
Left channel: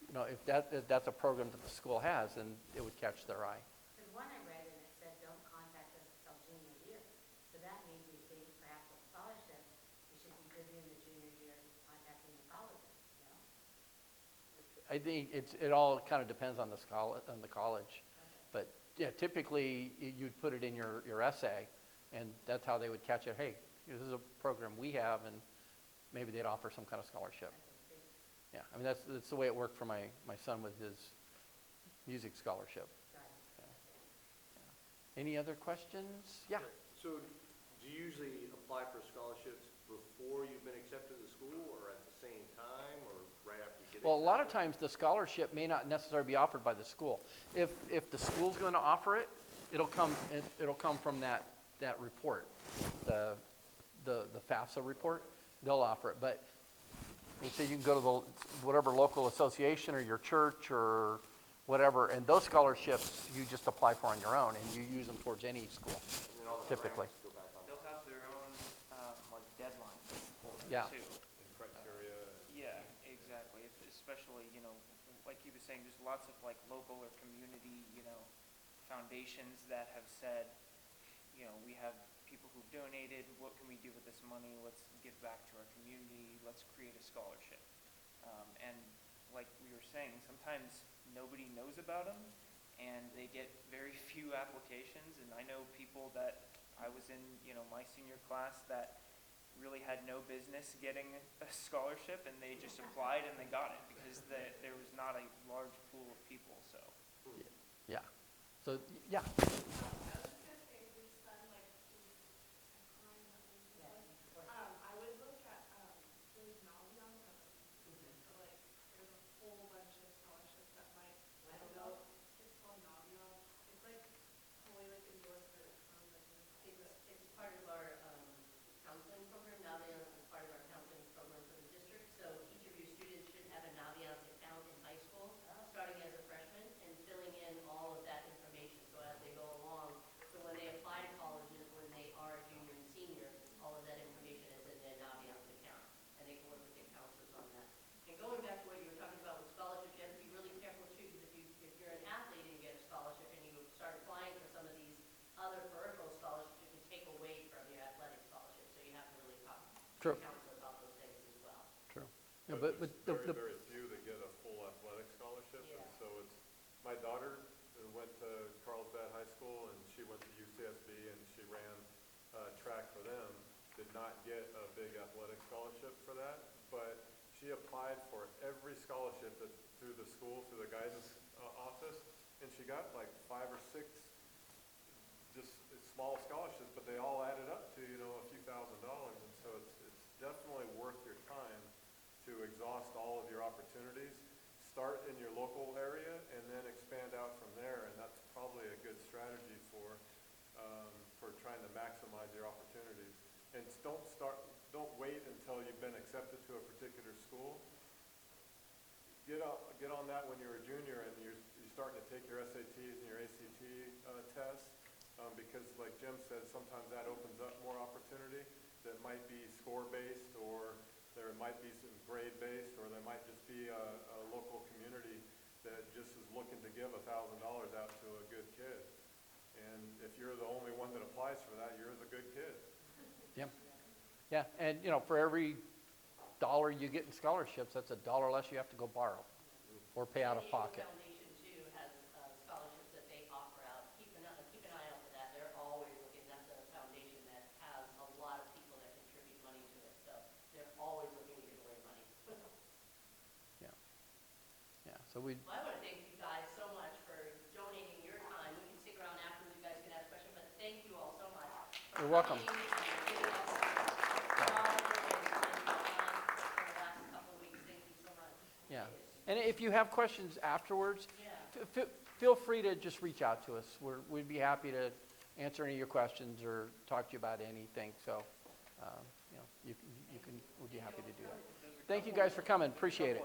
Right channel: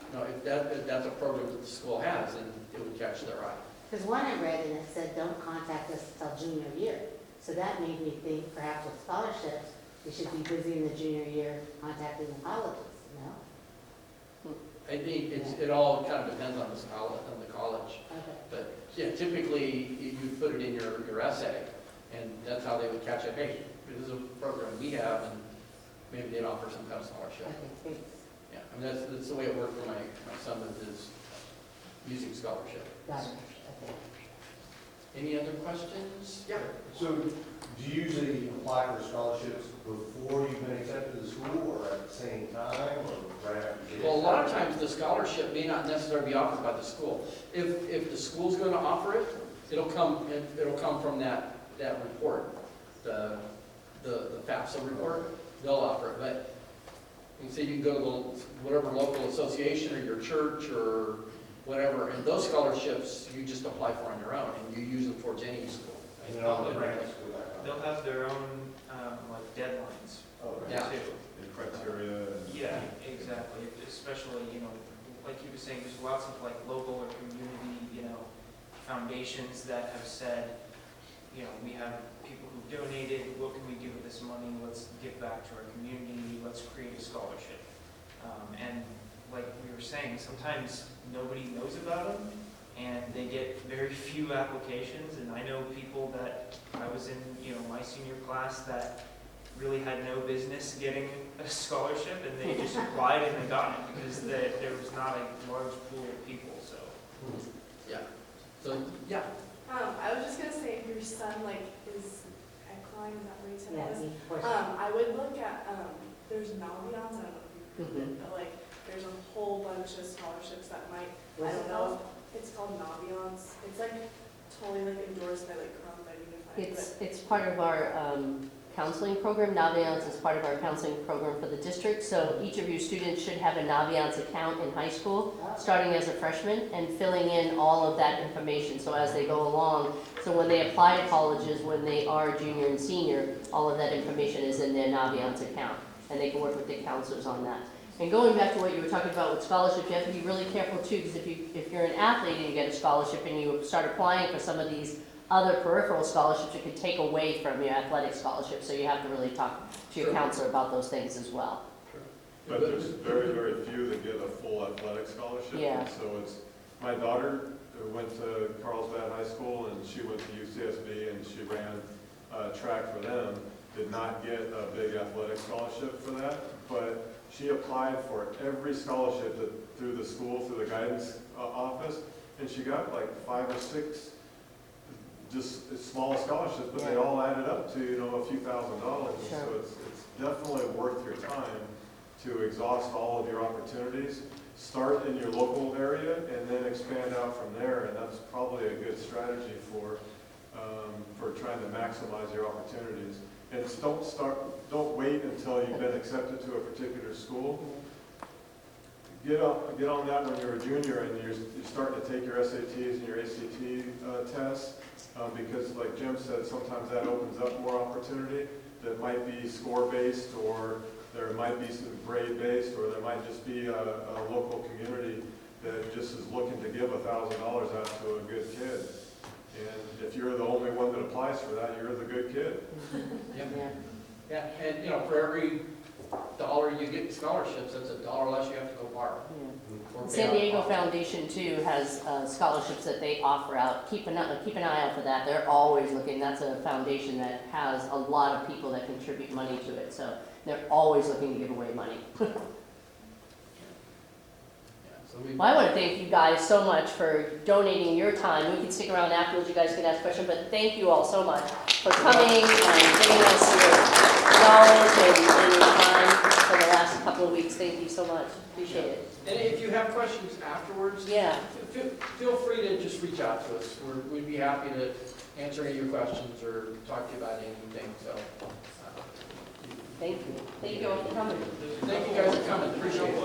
if that's a program that the school has, then it would catch their eye. Because one I read and it said, don't contact us until junior year. So that made me think perhaps with scholarships, we should be busy in the junior year contacting the colleges, I think it all kind of depends on the college. Okay. But yeah, typically you'd put it in your essay, and that's how they would catch it. Hey, this is a program we have, and maybe they'd offer some kind of scholarship. Okay, thanks. Yeah, I mean that's the way it worked for my son with his music scholarship. Got it. Okay. Any other questions? Yeah. So do you usually apply for scholarships before you've been accepted to the school or at the same time or right after you get Well, a lot of times the scholarship may not necessarily be offered by the school. If the school's going to offer it, it'll come from that report, the FAFSA report. They'll offer it, but you say you can go to whatever local association or your church or whatever, and those scholarships you just apply for on your own, and you use them towards any school. And then all the grants go back on. They'll have their own, deadlines Oh, right. Yeah. too. And criteria. Yeah, exactly, especially, like you were saying, there's lots of local or community, foundations that have said, we have people who donated, what can we do with this money, let's give back to our community, let's create a scholarship. And like we were saying, sometimes nobody knows about them, and they get very few applications, and I know people that I was in, my senior class that really had no business getting a scholarship, and they just applied and they got it because there was not a large pool of people. So Yeah. So yeah. I was just gonna say, if your son is equine, is that what you said it was? Yeah, of course. I would look at, there's Naviance, I don't know if you've heard of it, but there's a whole bunch of scholarships that might, I don't know, it's called Naviance. It's totally endorsed by Carlsbad Unified. It's part of our counseling program. Naviance is part of our counseling program for the district. So each of your students should have a Naviance account in high school, starting as a freshman, and filling in all of that information. So as they go along, so when they apply to colleges, when they are junior and senior, all of that information is in their Naviance account, and they can work with the counselors on that. And going back to what you were talking about with scholarships, you have to be really careful too, because if you're an athlete and you get a scholarship and you start applying for some of these other peripheral scholarships, it could take away from your athletic scholarship. So you have to really talk to your counselor about those things as well. But there's very, very few that get a full athletic scholarship. Yeah. And so my daughter went to Carlsbad High School and she went to C.U.S.D. and she ran track for them, did not get a big athletic scholarship for that, but she applied for every scholarship through the school, through the guidance office, and she got 5 or 6 just small scholarships, but they all added up to, a few $1,000s. Sure. So it's definitely worth your time to exhaust all of your opportunities start in your local area and then expand out from there, and that's probably a good strategy for trying to maximize your opportunities. And don't wait until you've been accepted to a particular school. Get on that when you're a junior and you're starting to take your SATs and your ACT tests, because like Jim said, sometimes that opens up more opportunity that might be score-based, or there might be some grade-based, or there might just be a local community that just is looking to give $1,000 out to a good kid. And if you're the only one that applies for that, you're the good kid. Yeah, and, you know, for every dollar you get in scholarships, that's $1 less you have to go borrow. Or pay San out of Diego pocket. Foundation too has scholarships that they offer out. Keep an eye out for that. They're always looking. That's a foundation that has a lot of people that contribute money to it. So they're always looking to give away money. Yeah, so we, Well, I want to thank you guys so much for donating your time. We can stick around afterwards. You guys can ask questions, but thank you all so much for coming and giving us your knowledge and your time for the last couple of weeks. Thank you so much. Appreciate it. and if you have questions afterwards, Yeah. feel free to just reach out to us. We'd be happy to answer any of your questions or talk to you about anything, so. Thank you. Thank you all for coming. Thank you guys for coming, appreciate it.